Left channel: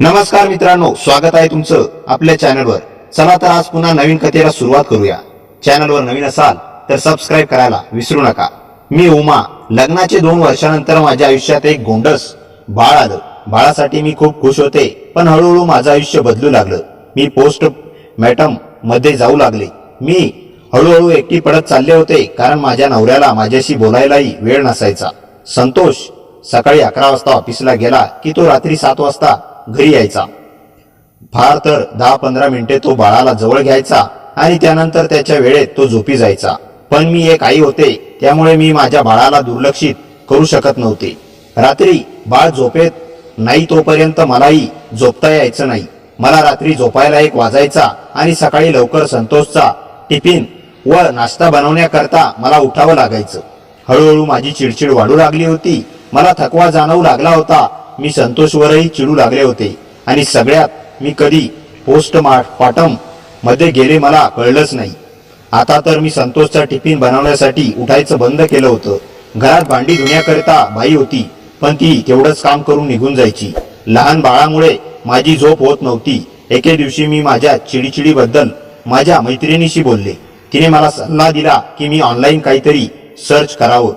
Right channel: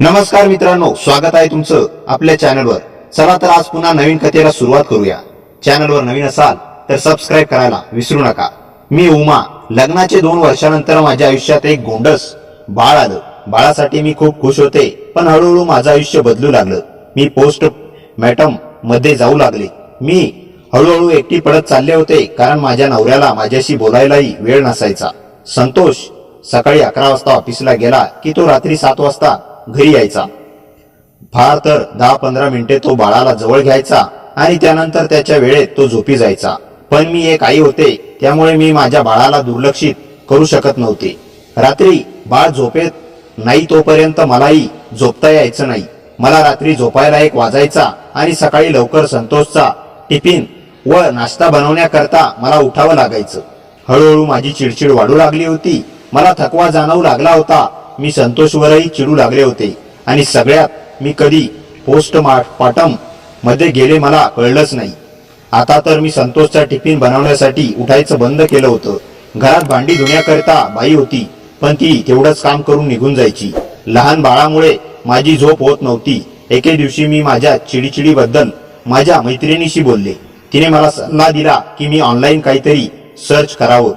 नमस्कार मित्रांनो, स्वागत आहे तुमचं आपल्या चॅनलवर। चला तर आज पुन्हा नवीन कथेला सुरुवात करूया। चॅनलवर नवीन असाल तर सबस्क्राइब करायला विसरू नका। मी उमा। लग्नाचे 2 वर्षानंतर माझ्या आयुष्यात एक गोंडस बाळ आलं। बाळासाठी मी खूप खुश होते, पण हळूहळू माझं आयुष्य बदलू लागलं। मी पोस्ट मॉर्टम मध्ये जाऊ लागले। मी हळूहळू एकटी पडत चालले होते, कारण माझ्या नवऱ्याला माझ्याशी बोलायलाही वेळ नसायचा। संतोष सकाळी 11 वाजता ऑफिसला गेला की तो रात्री 7 वाजता घरी यायचा। फार तर 10-15 मिनिटे तो बाळाला जवळ घ्यायचा आणि त्यानंतर त्याच्या वेळेत तो झोपी जायचा। पण मी एक आई होते, त्यामुळे मी माझ्या बाळाला दुर्लक्षित करू शकत नव्हते। रात्री बाळ झोपेत नाही तोपर्यंत मलाही झोपता यायचं नाही। मला रात्री झोपायला 1 वाजायचा आणि सकाळी लवकर संतोषचा टिफिन व नाश्ता बनवण्याकरता मला उठावं लागायचं। हळूहळू माझी चिडचिड वाढू लागली होती। मला थकवा जाणवू लागला होता। मी संतोषवरही चिडू लागले होते आणि सगळ्यात मी कधी पोस्टमॉर्टम मध्ये गेले मला कळलंच नाही। आता तर मी संतोषचा टिफिन बनवण्यासाठी उठायचं बंद केलं होतं। घरात भांडी धुण्याकरता बाई होती, पण ती तेवढंच काम करून निघून जायची। लहान बाळामुळे माझी झोप होत नव्हती। एके दिवशी मी माझ्या चिडचिडीबद्दल माझ्या मैत्रिणीशी बोलले। तिने मला सल्ला दिला की मी ऑनलाईन काहीतरी सर्च करावं,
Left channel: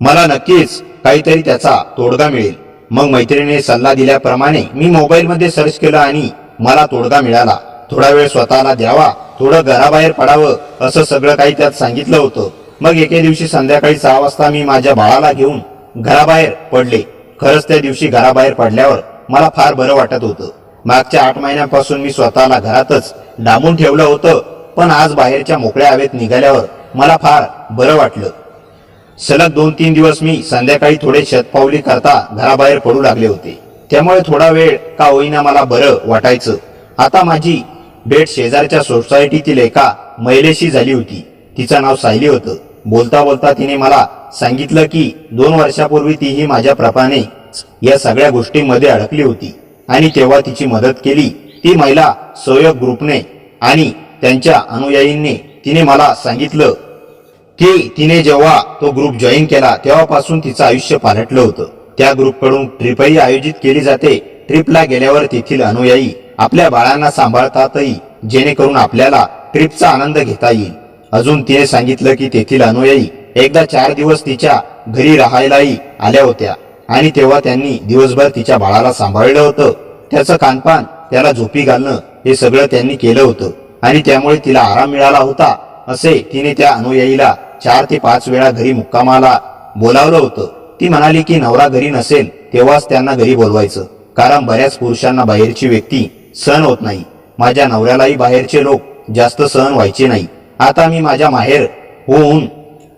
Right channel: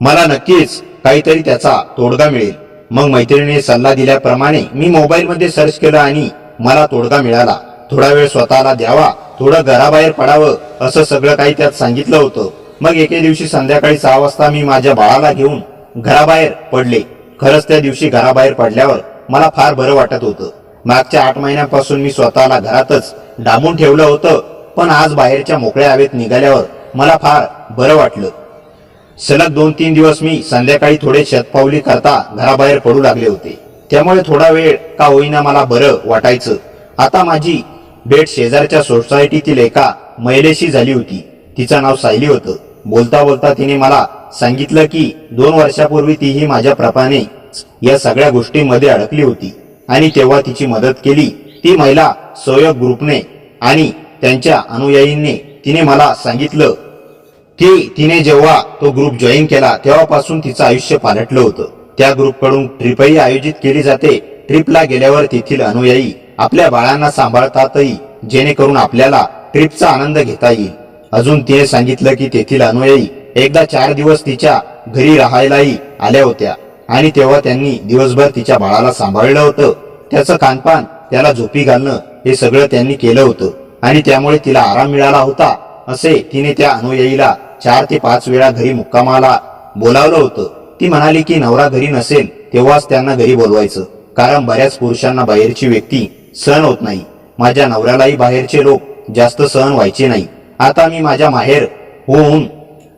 मला नक्कीच काहीतरी त्याचा तोडगा मिळेल। मग मैत्रिणीने सल्ला दिल्याप्रमाणे मी मोबाईलमध्ये सर्च केलं आणि मला तोडगा मिळाला। थोडा वेळ स्वतःला द्यावा, थोडं घराबाहेर पडावं, असं सगळं काही त्यात सांगितलं होतं। मग एके दिवशी संध्याकाळी 6 वाजता मी माझ्या बाळाला घेऊन घराबाहेर पडले। खरंच त्या दिवशी घराबाहेर पडल्यावर मला फार बरं वाटत होतं। मागच्या 8 महिन्यांपासून मी स्वतःला घरातच डांबून ठेवलं होतं, पण आज बाहेरच्या मोकळ्या हवेत निघाल्यावर मला फार बरं वाटलं। सलग 2-3 दिवस मी संध्याकाळी थोडे शतपावली करता घराबाहेर पडू लागले होते, त्यामुळे थोडा वेळ का होईना मला बरं वाटायचं। आता माझी भेट शेजारच्या सोसायटीतील एका महिलेशी झाली होती। तिचं नाव सायली होतं। बोलता बोलता तिने मला सांगितलं की 2 वर्षापूर्वी तीही माझ्या प्रमाणे या सगळ्या गोष्टींमध्ये अडकली होती आणि तेव्हा तिची मदत केली ती महिला सहयोग ग्रुपने आणि त्यांच्या अनुयायींनी। तिने मला सांगितलं की तिने जेव्हा तो ग्रुप जॉईन केला तेव्हापासून तिचं आयुष्य पालटलं होतं। त्या ग्रुपकडून ट्रिपही आयोजित केली जाते। ट्रिपला गेल्यावर तेथील अनुयायी आपल्या बाळांना सांभाळतातही, जेणेकरून आपल्याला ट्रिपचा आनंद घेता येईल। अजून तिने सांगितलं की तेथील अनुयायी एकदा 4 दिवस तिच्या घरी राहायलाही आल्या होत्या आणि तेव्हा त्यांनी दिवसभर तिच्या बाळाला सांभाळलं होतं। त्याचं खानपान, त्याला झोपी घालणं, हे सगळं त्यांनी केलं होतं आणि त्यामुळे तिला आराम मिळाला होता, असे तिने त्या अनुयायीला 4 ते 5 वेळा घरी मुक्कामाला बोलावलं होतं। ती म्हणाली की नवरा घरी नसेल तेव्हाच त्यांना घरी बोलवायचं, कारण बऱ्याच पुरुषांना बाहेरची व्यक्ती सहन होत नाही। माझ्या नवऱ्यालाही बाहेरचे लोक जास्त सहन व्हायचे नाही। आता मी माझ्या माहेर होऊन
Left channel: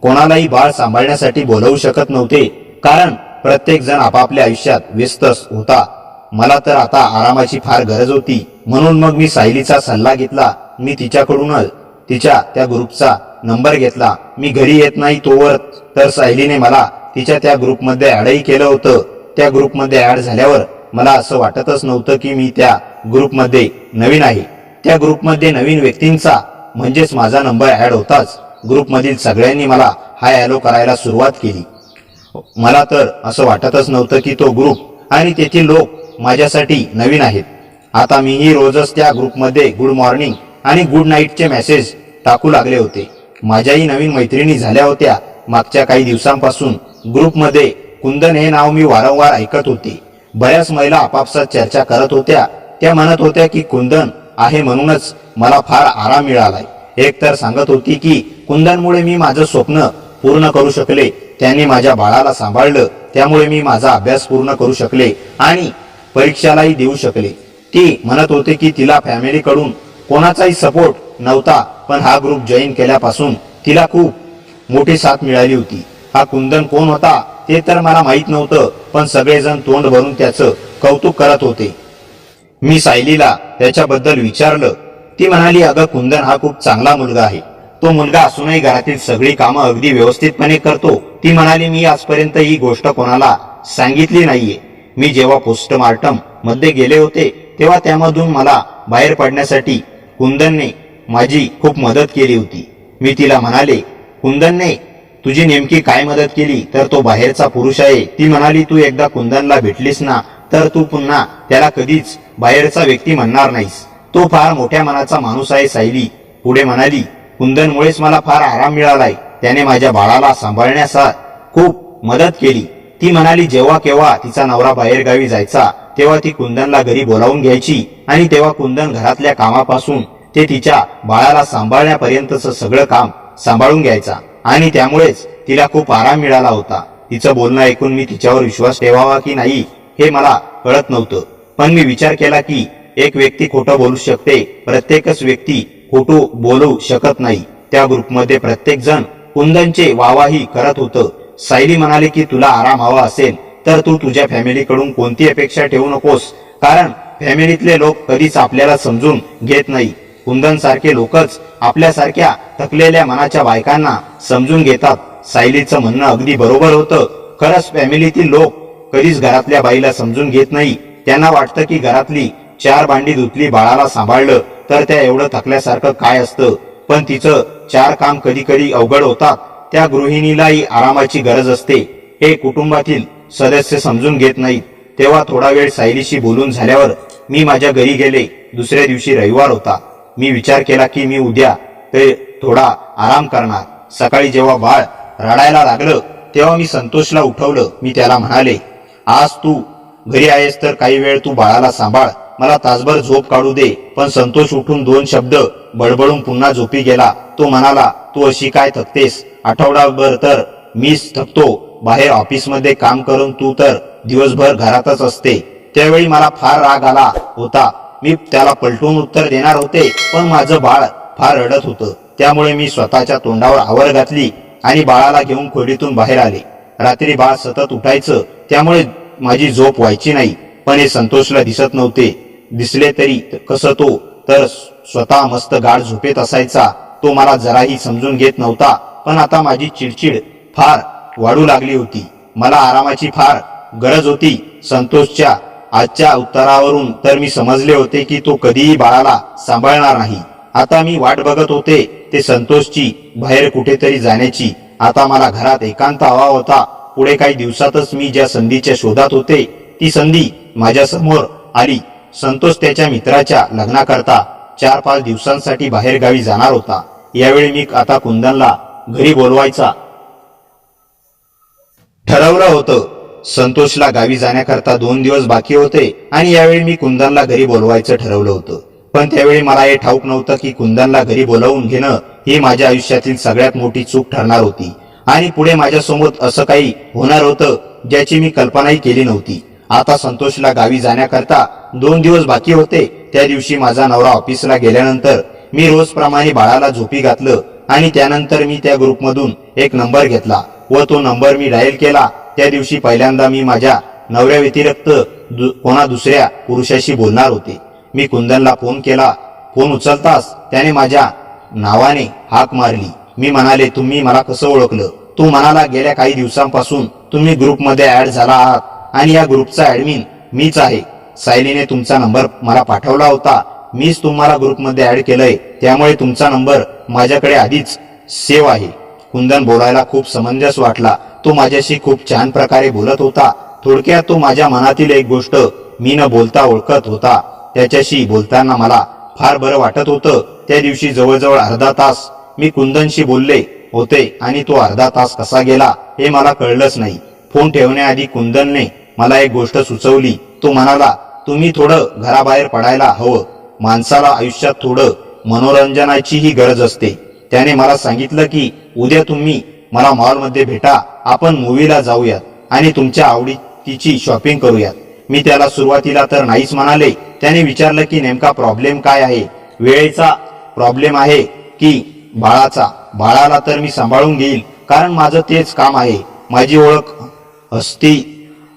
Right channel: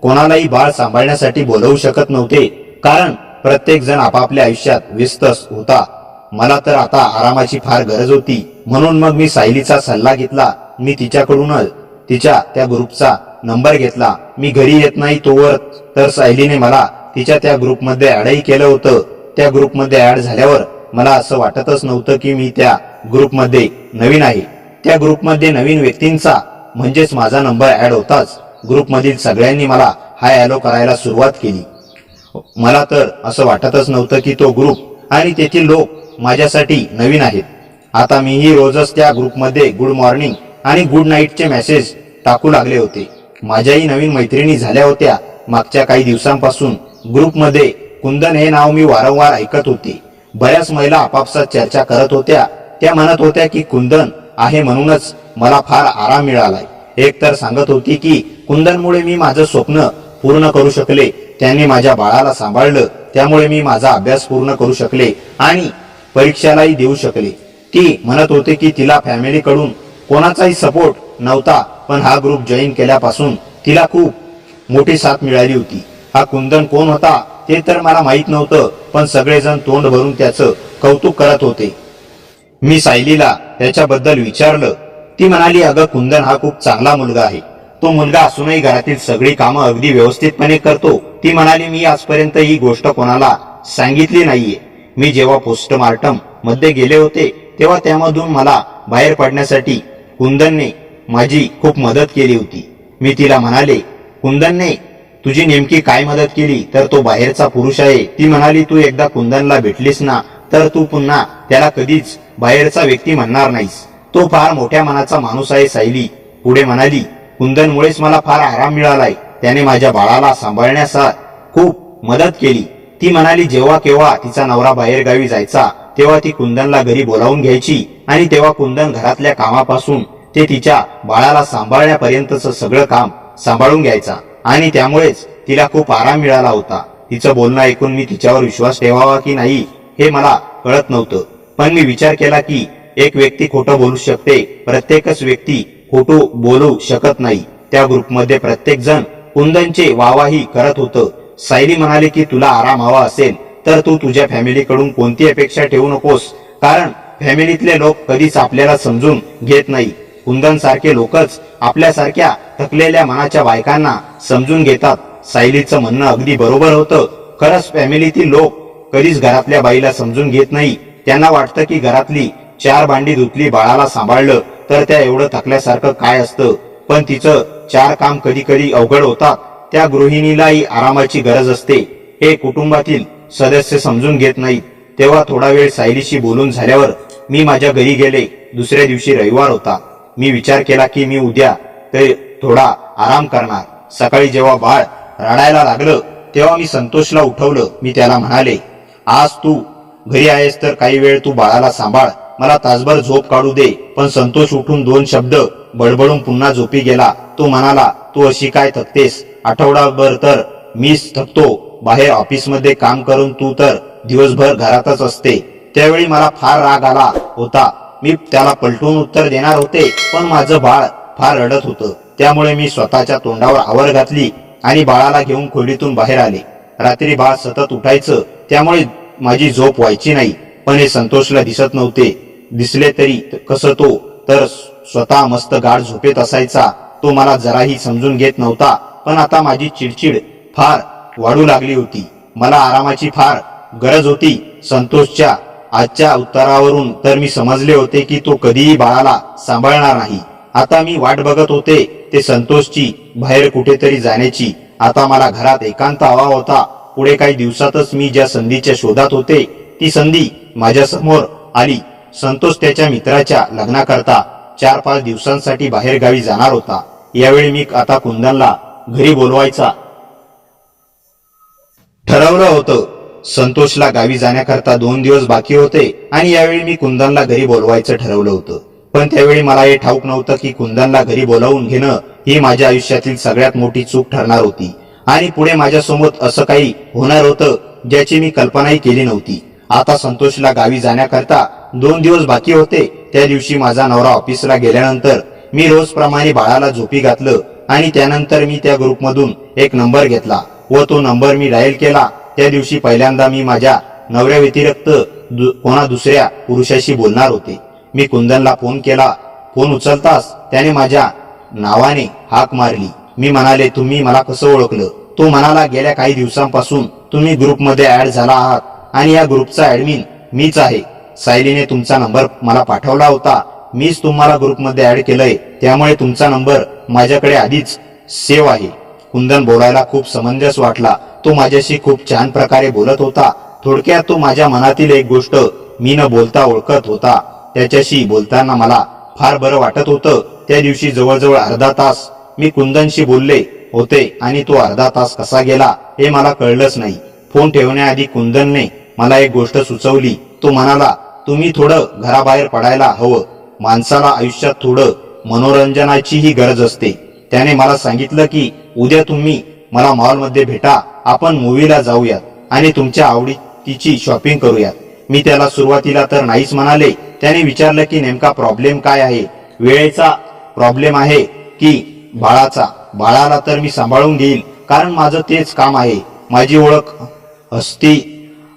कोणालाही बाळ सांभाळण्यासाठी बोलवू शकत नव्हते, कारण प्रत्येक जण आपापल्या आयुष्यात व्यस्त होता। मला तर आता आरामाची फार गरज होती। म्हणून मग मी सायलीचा सल्ला घेतला। मी तिच्याकडूनच तिच्या त्या ग्रुपचा नंबर घेतला। मी घरी येत नाही तोवर तर सायलीने मला तिच्या त्या ग्रुपमध्ये ॲडही केलं होतं। त्या ग्रुपमध्ये ॲड झाल्यावर मला असं वाटतच नव्हतं की मी त्या ग्रुपमध्ये नवीन आहे। त्या ग्रुपमध्ये नवीन व्यक्तींचा म्हणजेच माझा नंबर ॲड होताच ग्रुपमधील सगळ्यांनी मला हाय हॅलो करायला सुरुवात केली। मला तर असं वाटतच नव्हतं की तो ग्रुप आणि तेथील लोक माझ्यासाठी नवीन आहेत। आता मीही रोजच त्या ग्रुपमध्ये गुड मॉर्निंग आणि गुड नाईटचे मेसेज टाकू लागले होते। माझ्याही नवीन मैत्रिणी झाल्या होत्या। मागच्या काही दिवसांपासून ग्रुपमध्ये कुंदन हे नाव मी वारंवार ऐकत होते। बऱ्याच महिला आपापसात चर्चा करत होत्या। त्या म्हणत होत्या की कुंदन आहे म्हणूनच मला फार आराम मिळालाय। एक तर सांगत होती की कुंदनमुळे मी माझं स्वप्न पूर्ण करू शकले, त्यांनी माझ्या बाळाला सांभाळलं, त्यामुळे मी माझा अभ्यास पूर्ण करू शकले आणि परीक्षालाही देऊ शकले। ती म्हणत होते की तिला फॅमिलीकडून कोणाचाही सपोर्ट नव्हता, पण हा ग्रुप जॉईन केल्यापासून तिला खूप मोठी साथ मिळाली होती। हा कुंदन कोण होता ते तर मला माहीत नव्हतं, पण सगळेजण तोंड भरून त्याचं कौतुक करत होते। मी सायलीला त्याच्याबद्दल विचारलं। ती म्हणाली, अगं कुंदन हा खूप चांगला मुलगा आहे। तो मुलगा असूनही घरातील सगळी कामं अगदी व्यवस्थितपणे करतो। ती म्हणाली, मी आजपर्यंत ही गोष्ट कोणाला सांगितली नाहीये। मी जेव्हा पोस्टमॉर्टम मध्ये गेले होते तेव्हा त्यामधून मला बाहेर पडण्यासाठी कुंदनने माझी खूप मदत केली होती। मी तिला म्हणाले, कुंदनने तुझी नेमकी काय मदत केली? तर तो बाहेरचा पुरुष आहे। ती म्हणाली, तू एकदा कुंदनला भेटलीस ना तर तू पुन्हा त्याला कधीच बाहेरचा व्यक्ती म्हणणार नाहीस. तो फार मोठ्या मनाचा माणूस आहे. सायली पुढे म्हणाली, कुंदनमुळेच मला फार आराम मिळालाय. त्याने माझ्या बाळाला सांभाळण्यास खूप मदत केली. ती म्हणाली जेव्हा केव्हा तिचा नवरा बाहेरगावी जायचा तेव्हा ती कुंदनला घरी बोलावून घ्यायची आणि तेव्हा कुंदन घरातल्या कामापासून ते तिच्या बाळाला सांभाळण्यापर्यंतचं सगळं काम सांभाळून घ्यायचा आणि त्यामुळेच तिला खूप आराम मिळाला होता. तिचं बोलणं ऐकून मी तिच्यावर विश्वास ठेवावा की नाही हे मला कळत नव्हतं. पण मी विचार केला की एक व्यक्ती खोटं बोलू शकते, प्रत्येकच व्यक्ती खोटं बोलू शकत नाही. त्या ग्रुपमध्ये प्रत्येक जण कुंदनचे वाहवाही करत होतं. सायली म्हणाली की तुला आराम हवा असेल तर तू तुझ्या फॅमिलीकडून कोणती अपेक्षा ठेवू नकोस, कारण फॅमिलीतले लोक कधीच आपल्याला समजून घेत नाही. कुंदन सारखे लोकच आपल्यासारख्या थकलेल्या मनाच्या बायकांना समजून घेतात. सायलीचं म्हणणं अगदी बरोबर होतं. खरंच फॅमिलीतील लोक कधीच घरातल्या बाईला समजून घेत नाही. त्यांना वाटतं की घरातली 4 भांडी धुतली, बाळाला सांभाळलं तर त्या एवढं थकल्यासारखं काय असतं. पण तिचं 4 काम कधी कधी अवघड होतात. त्या गृहिणीलाही आरामाची गरज असते हे कुटुंबातील सदस्य समजून घेत नाहीत. तेव्हा थोडा वेळ सायलीशी बोलून झाल्यावर मी माझ्या घरी गेले. दुसऱ्या दिवशी रविवार होता. मी विचार केला की मी उद्या ते थोडा आराम करणार. सकाळी जेव्हा बाळ रडायला लागलं तेव्हा मी संतोषला उठवलं. मी त्याला म्हणाले, आज तू घरी आहेस तर काही वेळ तू बाळाला सांभाळ, मला तासभर झोप काढू दे. पण संतोष उठून 2 शब्द बडबडून पुन्हा झोपी गेला. तो म्हणाला, तू अशी काय थकतेस? आठवडाभर तर मीच थकतो. बाहेर ऑफिसमध्ये काम करून तू तर दिवसभर घरातच असते. त्यावेळी मला फार राग आला होता. मी त्याला पलटून उत्तर देणार होते, पण माझं बाळ फार रडत होतं. त्यामुळे मी स्वतःच्या तोंडावर आवर घातली आणि बाळाला घेऊन खोलीतून बाहेर आले. रात्री बाळ सतत उठायचं, त्यामुळे माझी झोप व्हायची नाही. पण हे संतोषला दिसत नव्हते. दिसले तरी कसं, तो तर स्वतः मस्त गाढ झोपेत असायचा. तो मला जराही समजून घेत नव्हता. पण आता माझी चिडचिड फार वाढू लागली होती. मला आरामाची फार गरज होती. संतोषच्या आजच्या उत्तरावरून तर मी समजले होते की तो कधीही बाळाला सांभाळणार नाही. आता मी वाट बघत होते ते संतोषची बाहेर कुठेतरी जाण्याची. आता मला घरात एकांत हवा होता. पुढे काही दिवसातच मी ज्या संधीच्या शोधात होते ती संधी माझ्या समोर आली. संतोष त्याच्या मित्राच्या लग्नाकरता 4-5 दिवसांसाठी बाहेर गावी जाणार होता. यावेळी मी आता कुंदनला घरी बोलवायचा ठरवलं होतं. संतोषला गावी जाण्याकरता 2 दिवस बाकी होते आणि यावेळी मी कुंदनला घरी बोलवायचं ठरवलं होतं. पण त्यावेळी मला हे ठाऊक नव्हतं की कुंदनला घरी बोलावून घेणं ही माझ्या आयुष्यातील सगळ्यात मोठी चूक ठरणार होती आणि पुढे माझ्यासमोर असं काही होणार होतं ज्याची मी कल्पनाही केली नव्हती. आता संतोषला गावी जाण्याकरता 2 दिवस बाकी होते. त्या दिवशी माझा नवरा ऑफिसला गेल्यानंतर मी रोजप्रमाणे बाळाला झोपी घातलं आणि त्यानंतर मी त्या ग्रुपमधून एक नंबर घेतला व तो नंबर मी डायल केला. त्या दिवशी पहिल्यांदा मी माझ्या नवऱ्या व्यतिरिक्त कोणा दुसऱ्या पुरुषाशी बोलणार होते. मी कुंदनला फोन केला. फोन उचलताच त्याने माझ्या नावाने हाक मारली. मी म्हणाले, तुम्ही मला कसं ओळखलं? तो म्हणाला, गेल्या काही दिवसांपासून तुम्ही ग्रुपमध्ये ऍड झाला आहात आणि या ग्रुपचा ऍडमिन मीच आहे. सायलीने तुमचा नंबर मला पाठवला होता. मीच तुम्हाला ग्रुपमध्ये ऍड केलंय, त्यामुळे तुमचा नंबर माझ्याकडे आधीच सेव्ह आहे. कुंदन बोलायला खूप समंजस वाटला. तो माझ्याशी खूप छान प्रकारे बोलत होता. थोडक्यात तो माझ्या मनातील एक गोष्ट मी न बोलता ओळखत होता. त्याच्याशी बोलताना मला फार बरं वाटत होतं. त्या दिवशी जवळजवळ अर्धा तास मी कुंदनशी बोलले होते आणि तो अर्धा तास कसा गेला हे मला कळलंच नाही. फोन ठेवण्याआधी कुंदनने मला एक गोष्ट सुचवली. तो म्हणाला, तुम्ही थोडं घराबाहेर पडायला हवं. माणसाला आयुष्यात थोडं मनोरंजनाचीही गरज असते. त्याने मला सांगितलं की उद्या तुम्ही मला मॉलमध्ये भेटा, आपण मूवीला जाऊयात आणि तुमच्या आवडीची शॉपिंग करूयात. मी त्याला सुरुवातीला तर नाहीच म्हणाले. त्याने विचारलं की नेमका प्रॉब्लेम काय आहे? वेळेचा प्रॉब्लेम आहे की बाळाचा? बाळाला तर मी सांभाळून घेईल, कारण माझं तेच काम आहे. माझी ओळख हस्ती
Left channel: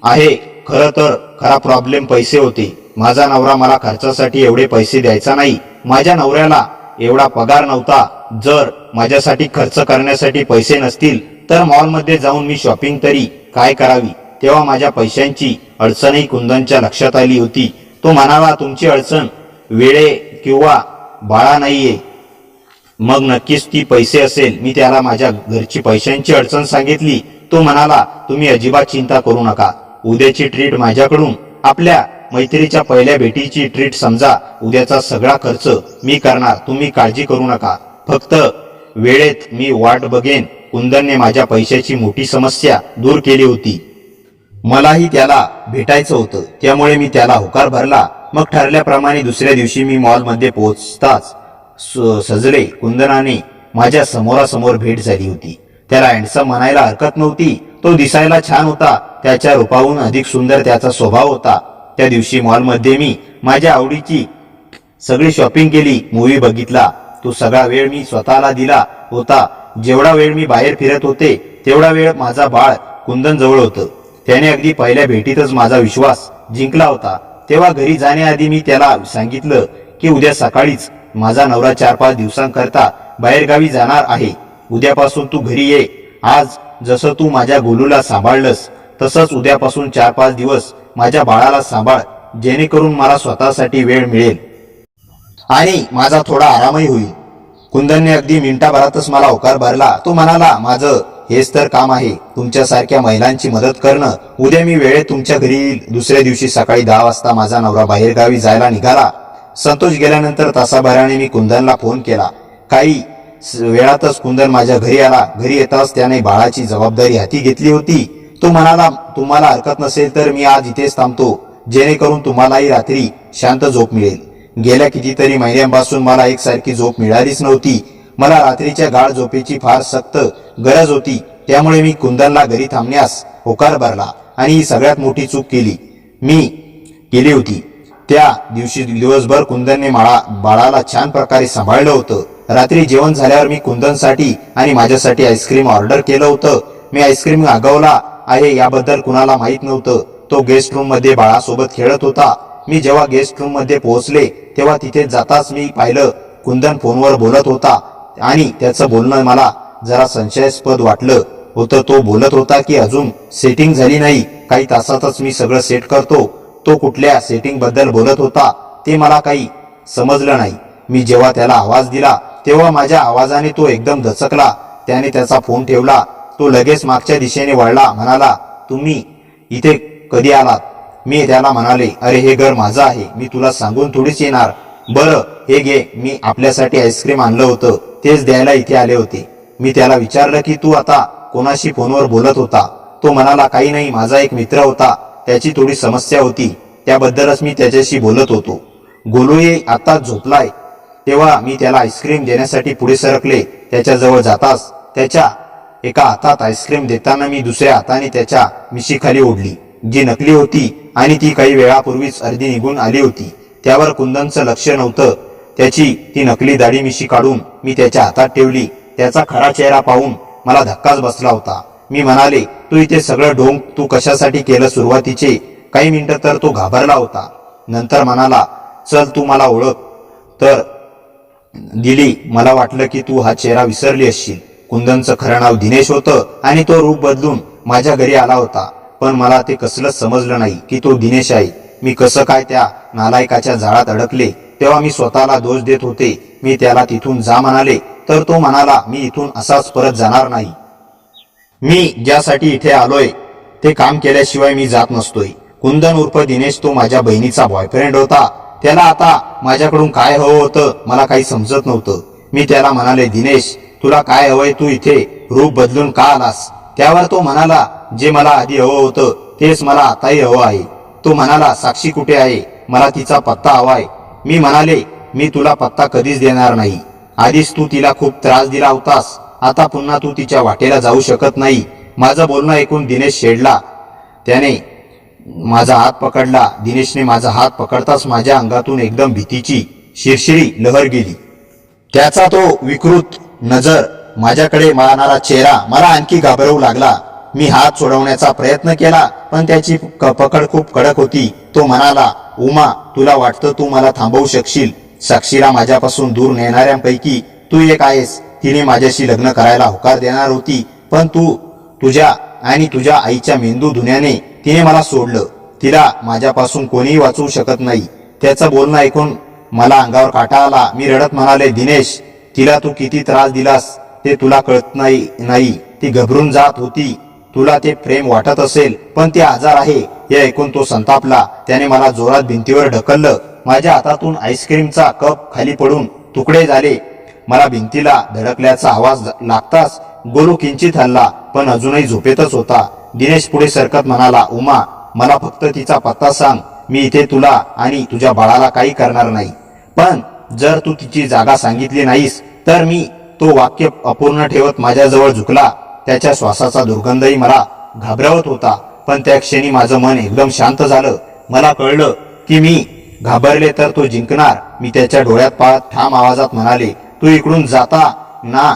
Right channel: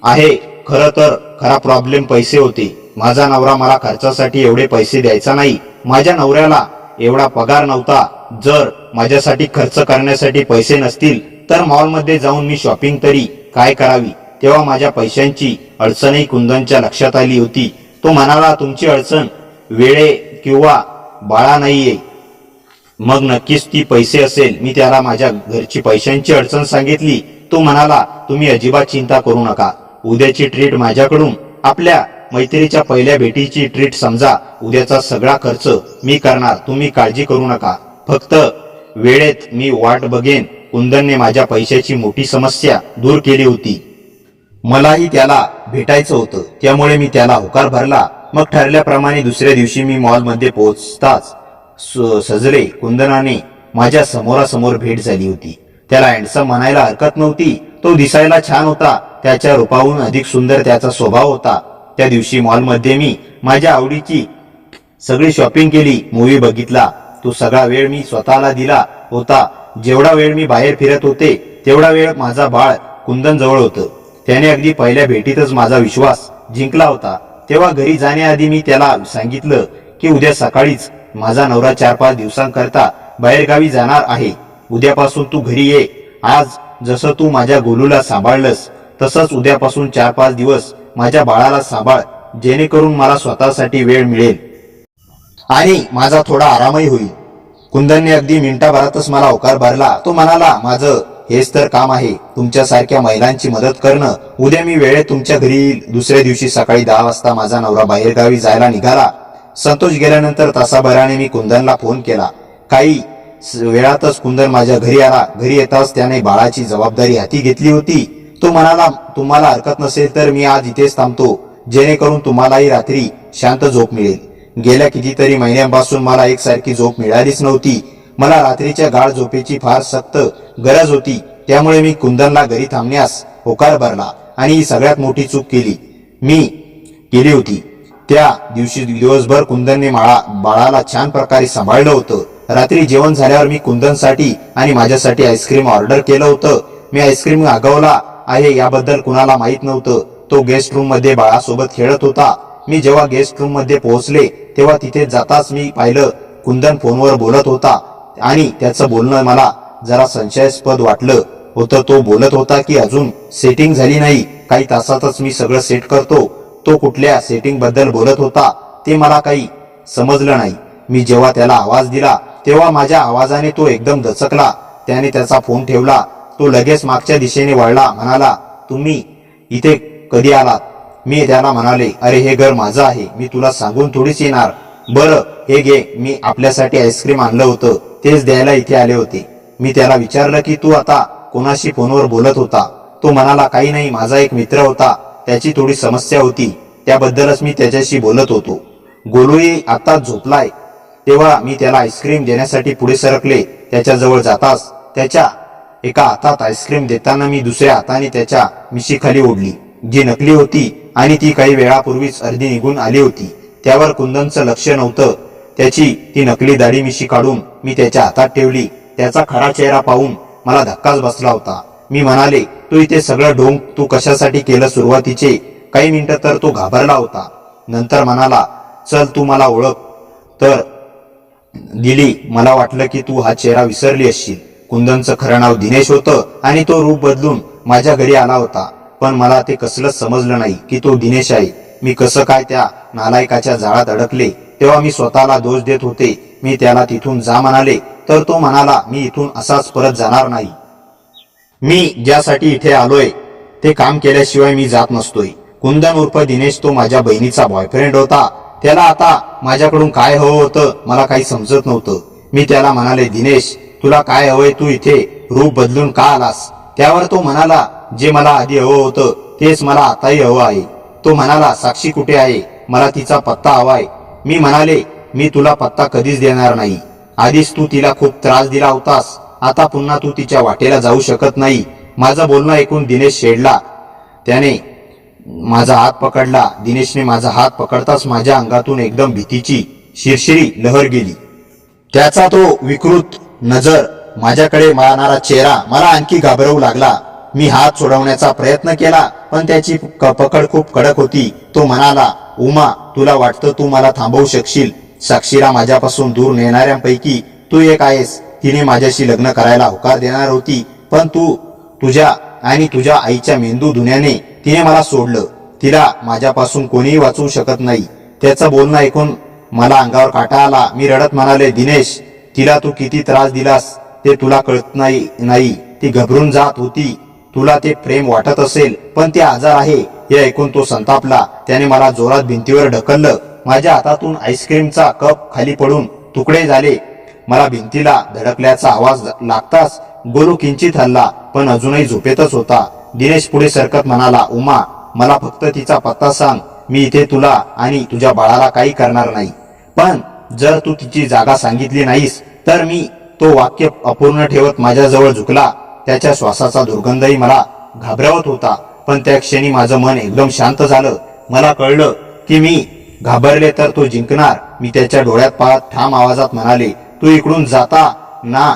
आहे. खरं तर खरा प्रॉब्लेम पैसे होते. माझा नवरा मला खर्चासाठी एवढे पैसे द्यायचा नाही. माझ्या नवऱ्याला एवढा पगार नव्हता. जर माझ्यासाठी खर्च करण्यासाठी पैसे नसतील तर मॉलमध्ये जाऊन मी शॉपिंग तरी काय करावी? तेव्हा माझ्या पैशांची अडचणही कुंदनच्या लक्षात आली होती. तो म्हणाला, तुमची अडचण वेळे किंवा बाळा नाहीये, मग नक्कीच ती पैसे असेल. मी त्याला माझ्या घरची पैशांची अडचण सांगितली. तो म्हणाला, तुम्ही अजिबात चिंता करू नका. उद्याची ट्रीट माझ्याकडून आपल्या मैत्रीच्या पहिल्या भेटीची ट्रीट समजा. उद्याचा सगळा खर्च मी करणार, तुम्ही काळजी करू नका. फक्त वेळेत मी वाट बघेन. कुंदनने माझ्या पैशाची मोठी समस्या दूर केली होती. मलाही त्याला भेटायचं होतं, त्यामुळे मी त्याला होकार भरला. मग ठरल्याप्रमाणे दुसऱ्या दिवशी मी मॉलमध्ये पोहोचताच सजले कुंदनाने माझ्या समोरासमोर भेट झाली होती. त्याला हँडसम म्हणायला हरकत नव्हती. तो दिसायला छान होता. त्याच्या रूपाहून अधिक सुंदर त्याचा स्वभाव होता. त्या दिवशी मॉलमध्ये मी माझ्या आवडीची सगळी शॉपिंग केली, मूव्ही बघितला. तो सगळा वेळ मी स्वतःला दिला होता. जेवढा वेळ मी बाहेर फिरत होते तेवढा वेळ माझा बाळ कुंदन जवळ होतं. त्याने अगदी पहिल्या भेटीतच माझा विश्वास जिंकला होता. तेव्हा घरी जाण्याआधी मी त्याला सांगितलं की उद्या सकाळीच माझा नवरा 4-5 दिवसांकरता बाहेरगावी जाणार आहे. उद्यापासून तू घरी ये. आज जसं तू माझ्या गोलूला सांभाळलंस तसंच उद्यापासून 4-5 दिवस माझ्या बाळाला सांभाळ, जेणेकरून मला स्वतःसाठी वेळ मिळेल आणि माझा थोडा आरामही होईल. कुंदनने अगदी मिनिटाभरातच मला होकार भरला. तो म्हणाला, माझं हेच तर काम आहे, तुमच्यासारख्या महिलांची मदत करणं. उद्या मी वेळेत तुमच्या घरी येईल. दुसऱ्या दिवशी सकाळी 10 वाजता माझा नवरा बाहेरगावी जायला निघाला. संतोष गेल्यानंतर तासाभराने मी कुंदनला फोन केला. काही वेळातच कुंदन माझ्या घरी आला. घरी येताच त्याने बाळाची जबाबदारी हाती घेतली होती. तो म्हणाला, तुम्हाला हरकत नसेल तर मी आज इथेच थांबतो, जेणेकरून तुम्हालाही रात्री शांत झोप मिळेल. गेल्या कितीतरी महिन्यांपासून मला एकसारखी झोप मिळालीच नव्हती. मला रात्रीच्या गाढ झोपेची फार सक्त गरज होती. त्यामुळे मी कुंदनला घरी थांबण्यास होकार भरला आणि ही सगळ्यात मोठी चूक मी केली होती. त्या दिवशी दिवसभर कुंदनने बाळाला छान प्रकारे सांभाळलं होतं. रात्री जेवण झाल्यावर मी कुंदनसाठी आणि माझ्यासाठी आईस्क्रीम ऑर्डर केलं होतं. मी आईस्क्रीम मागवला आहे याबद्दल कुणाला माहीत नव्हतं. तो गेस्ट रूम मध्ये बाळासोबत खेळत होता. मी जेव्हा गेस्ट रूम मध्ये पोहोचले तेव्हा तिथे जाताच मी पाहिलं कुंदन फोनवर बोलत होता आणि त्याचं बोलणं मला जरा संशयास्पद वाटलं होतं. तो बोलत होता की अजून सेटिंग झाली नाही, काही तासातच मी सगळं सेट करतो. तो कुठल्या सेटिंग बद्दल बोलत होता ते मला काही समजलं नाही. मी जेव्हा त्याला आवाज दिला तेव्हा माझ्या आवाजाने तो एकदम दचकला. त्याने त्याचा फोन ठेवला. तो लगेच मागच्या दिशेने वळला. म्हणाला, तुम्ही इथे कधी आलात? मी त्याला म्हणाले, अरे हे घर माझं आहे, मी तुला सांगून थोडीच येणार. बरं हे घे, मी आपल्यासाठी आईस्क्रीम आणलं होतं, तेच द्यायला इथे आले होते. मी त्याला विचारलं की तू आता कोणाशी फोनवर बोलत होता? तो म्हणाला, काही नाही, माझा एक मित्र होता, त्याची थोडी समस्या होती, त्याबद्दलच मी त्याच्याशी बोलत होतो. गोलूही आता झोपलाय. तेव्हा मी त्याला आईस्क्रीम देण्यासाठी पुढे सरकले. त्याच्याजवळ जाताच त्याच्या एका हातात आईस्क्रीम देताना मी दुसऱ्या हाताने त्याच्या मिशीखाली ओढली, जी नकली होती आणि ती काही वेळापूर्वीच अर्धी निघून आली होती. त्यावर कुंदनचं लक्ष नव्हतं. त्याची ती नकली दाढी मिशी काढून मी त्याच्या हातात ठेवली. त्याचा खरा चेहरा पाहून मला धक्काच बसला होता. मी म्हणाले, तू इथे सगळं ढोंग तू कशासाठी केलं? सुरुवातीचे काही मिनिटं तर तो घाबरला होता. नंतर म्हणाला, चल तू मला ओळख तर दिली. मला वाटलं की तू हा चेहरा विसरली असशील. कुंदनचं खरं नाव दिनेश होतं आणि तो रूप बदलून माझ्या घरी आला होता. पण मला ते कसलंच समजलं नाही की तो दिनेश आहे. मी कसं काय त्या नालायकाच्या जाळात अडकले. तेव्हा मी स्वतःला दोष देत होते. मी त्याला तिथून जा म्हणाले तर तो म्हणाला, मी इथून असाच परत जाणार नाही. मी ज्यासाठी इथे आलोय ते काम केल्याशिवाय मी जात नसतोय. कुंदन उर्फ दिनेश तो माझ्या बहिणीचा बॉयफ्रेंड होता. त्याला आता माझ्याकडून काय हवं होतं मला काही समजत नव्हतं. मी त्याला म्हणाले, दिनेश तुला काय हवंय? तू इथे रूप बदलून का आलास? त्यावर तो म्हणाला, जे मला आधी हवं होतं तेच मला आताही हवं आहे. तो म्हणाला, साक्षी कुठे आहे? मला तिचा पत्ता हवाय. मी म्हणाले, मी तुला पत्ता कधीच देणार नाही. आधीच तू तिला खूप त्रास दिला होतास, आता पुन्हा तू तिच्या वाटेला जाऊ शकत नाही. माझं बोलणं ऐकून दिनेश शेडला. त्याने माझा हात पकडला. दिनेशने माझा हात पकडताच माझ्या अंगातून एकदम भीतीची शिरशिरी लहर गेली. त्याचा तो विकृत नजर, माझ्याकडे मारणारा चेहरा मला आणखी घाबरवू लागला. मी हात सोडवण्याचा प्रयत्न केला पण त्याची पकड खूप कडक होती. तो म्हणाला, उमा तुला वाटतं तू मला थांबवू शकशील? साक्षीला माझ्यापासून दूर नेणाऱ्यांपैकी तू एक आहेस. तिने माझ्याशी लग्न करायला होकार देणार होती, पण तुझ्या आणि तुझ्या आईच्या मेंदू धुण्याने तिने मला सोडलं. तिला माझ्यापासून कोणीही वाचवू शकत नाही. त्याचं बोलणं ऐकून मला अंगावर काटा आला. मी रडत म्हणाले, दिनेश तिला तू किती त्रास दिलास ते तुला कळत नाही. ती घबरून जात होती. तुला ते प्रेम वाटत असेल पण ते आजार आहे. हे ऐकून तो संतापला. त्याने मला जोरात भिंतीवर ढकललं. माझ्या हातातून आईस्क्रीमचा कप खाली पडून तुकडे झाले. मला भिंतीला धडकल्याचा आवाज लागताच गोलू किंचित हलला, पण अजूनही झोपेतच होता. दिनेश पुढे सरकत म्हणाला, उमा, मला फक्त तिचा पत्ता सांग. मी इथे तुला आणि तुझ्या बाळाला काही करणार नाही. पण जर तू तिची जागा सांगितली नाहीस तर मी. तो वाक्य अपूर्ण ठेवत माझ्याजवळ झुकला. त्याच्या श्वासाचा दुर्गंधही मला घाबरवत होता. पण त्या क्षणी माझं मन एकदम शांत झालं. मला कळलं की मी घाबरले तर तो जिंकणार. मी त्याच्या डोळ्यात पाहत ठाम आवाजात म्हणाले, तू इकडून जाता ना,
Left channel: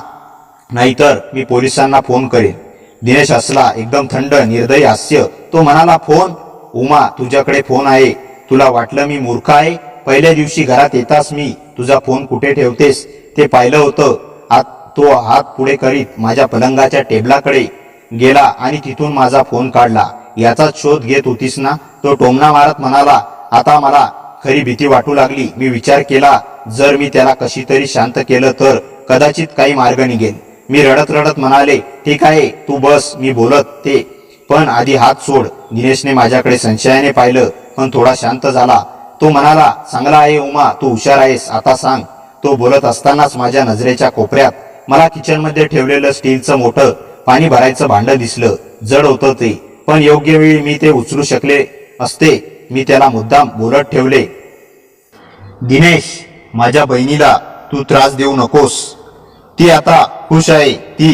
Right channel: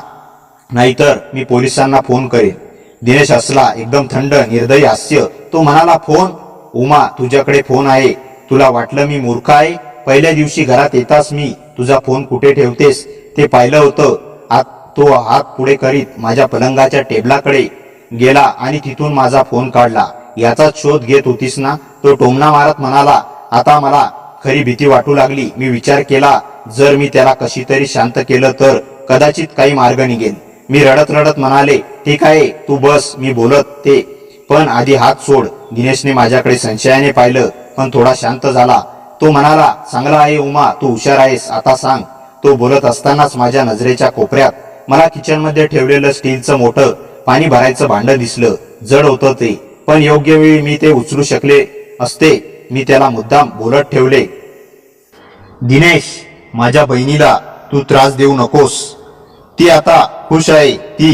नाहीतर मी पोलिसांना फोन करेन. दिनेश हसला, एकदम थंड निर्दयी हास्य. तो म्हणाला, फोन? उमा, तुझ्याकडे फोन आहे? तुला वाटलं मी मूर्ख आहे? पहिल्या दिवशी घरात येताच मी तुझा फोन कुठे ठेवतेस ते पाहिलं होतं. तो हात पुढे करीत माझ्या पलंगाच्या टेबलाकडे गेला आणि तिथून माझा फोन काढला. याचाच शोध घेत होतीस ना? तो टोमणा मारत म्हणाला. आता मला खरी भीती वाटू लागली. मी विचार केला, जर मी त्याला कशी तरी शांत केलं तर कदाचित काही मार्ग निघेल. मी रडत रडत म्हणाले, ठीक आहे, तू बस, मी बोलत ते. पण आधी हात सोड. दिनेशने माझ्याकडे संशयाने पाहिलं, पण थोडा शांत झाला. तो म्हणाला, चांगला आहे उमा, तू हुशार आहेस, आता सांग. तो बोलत असतानाच माझ्या नजरेच्या कोपऱ्यात मला किचनमध्ये ठेवलेलं स्टीलचं मोठं पाणी भरायचं भांडं दिसलं. जड होतं ते, पण योग्य वेळी मी ते उचलू शकले असते. मी त्याला मुद्दाम बोलत ठेवले, दिनेश, माझ्या बहिणीला तू त्रास देऊ नकोस. ती आता खुश आहे.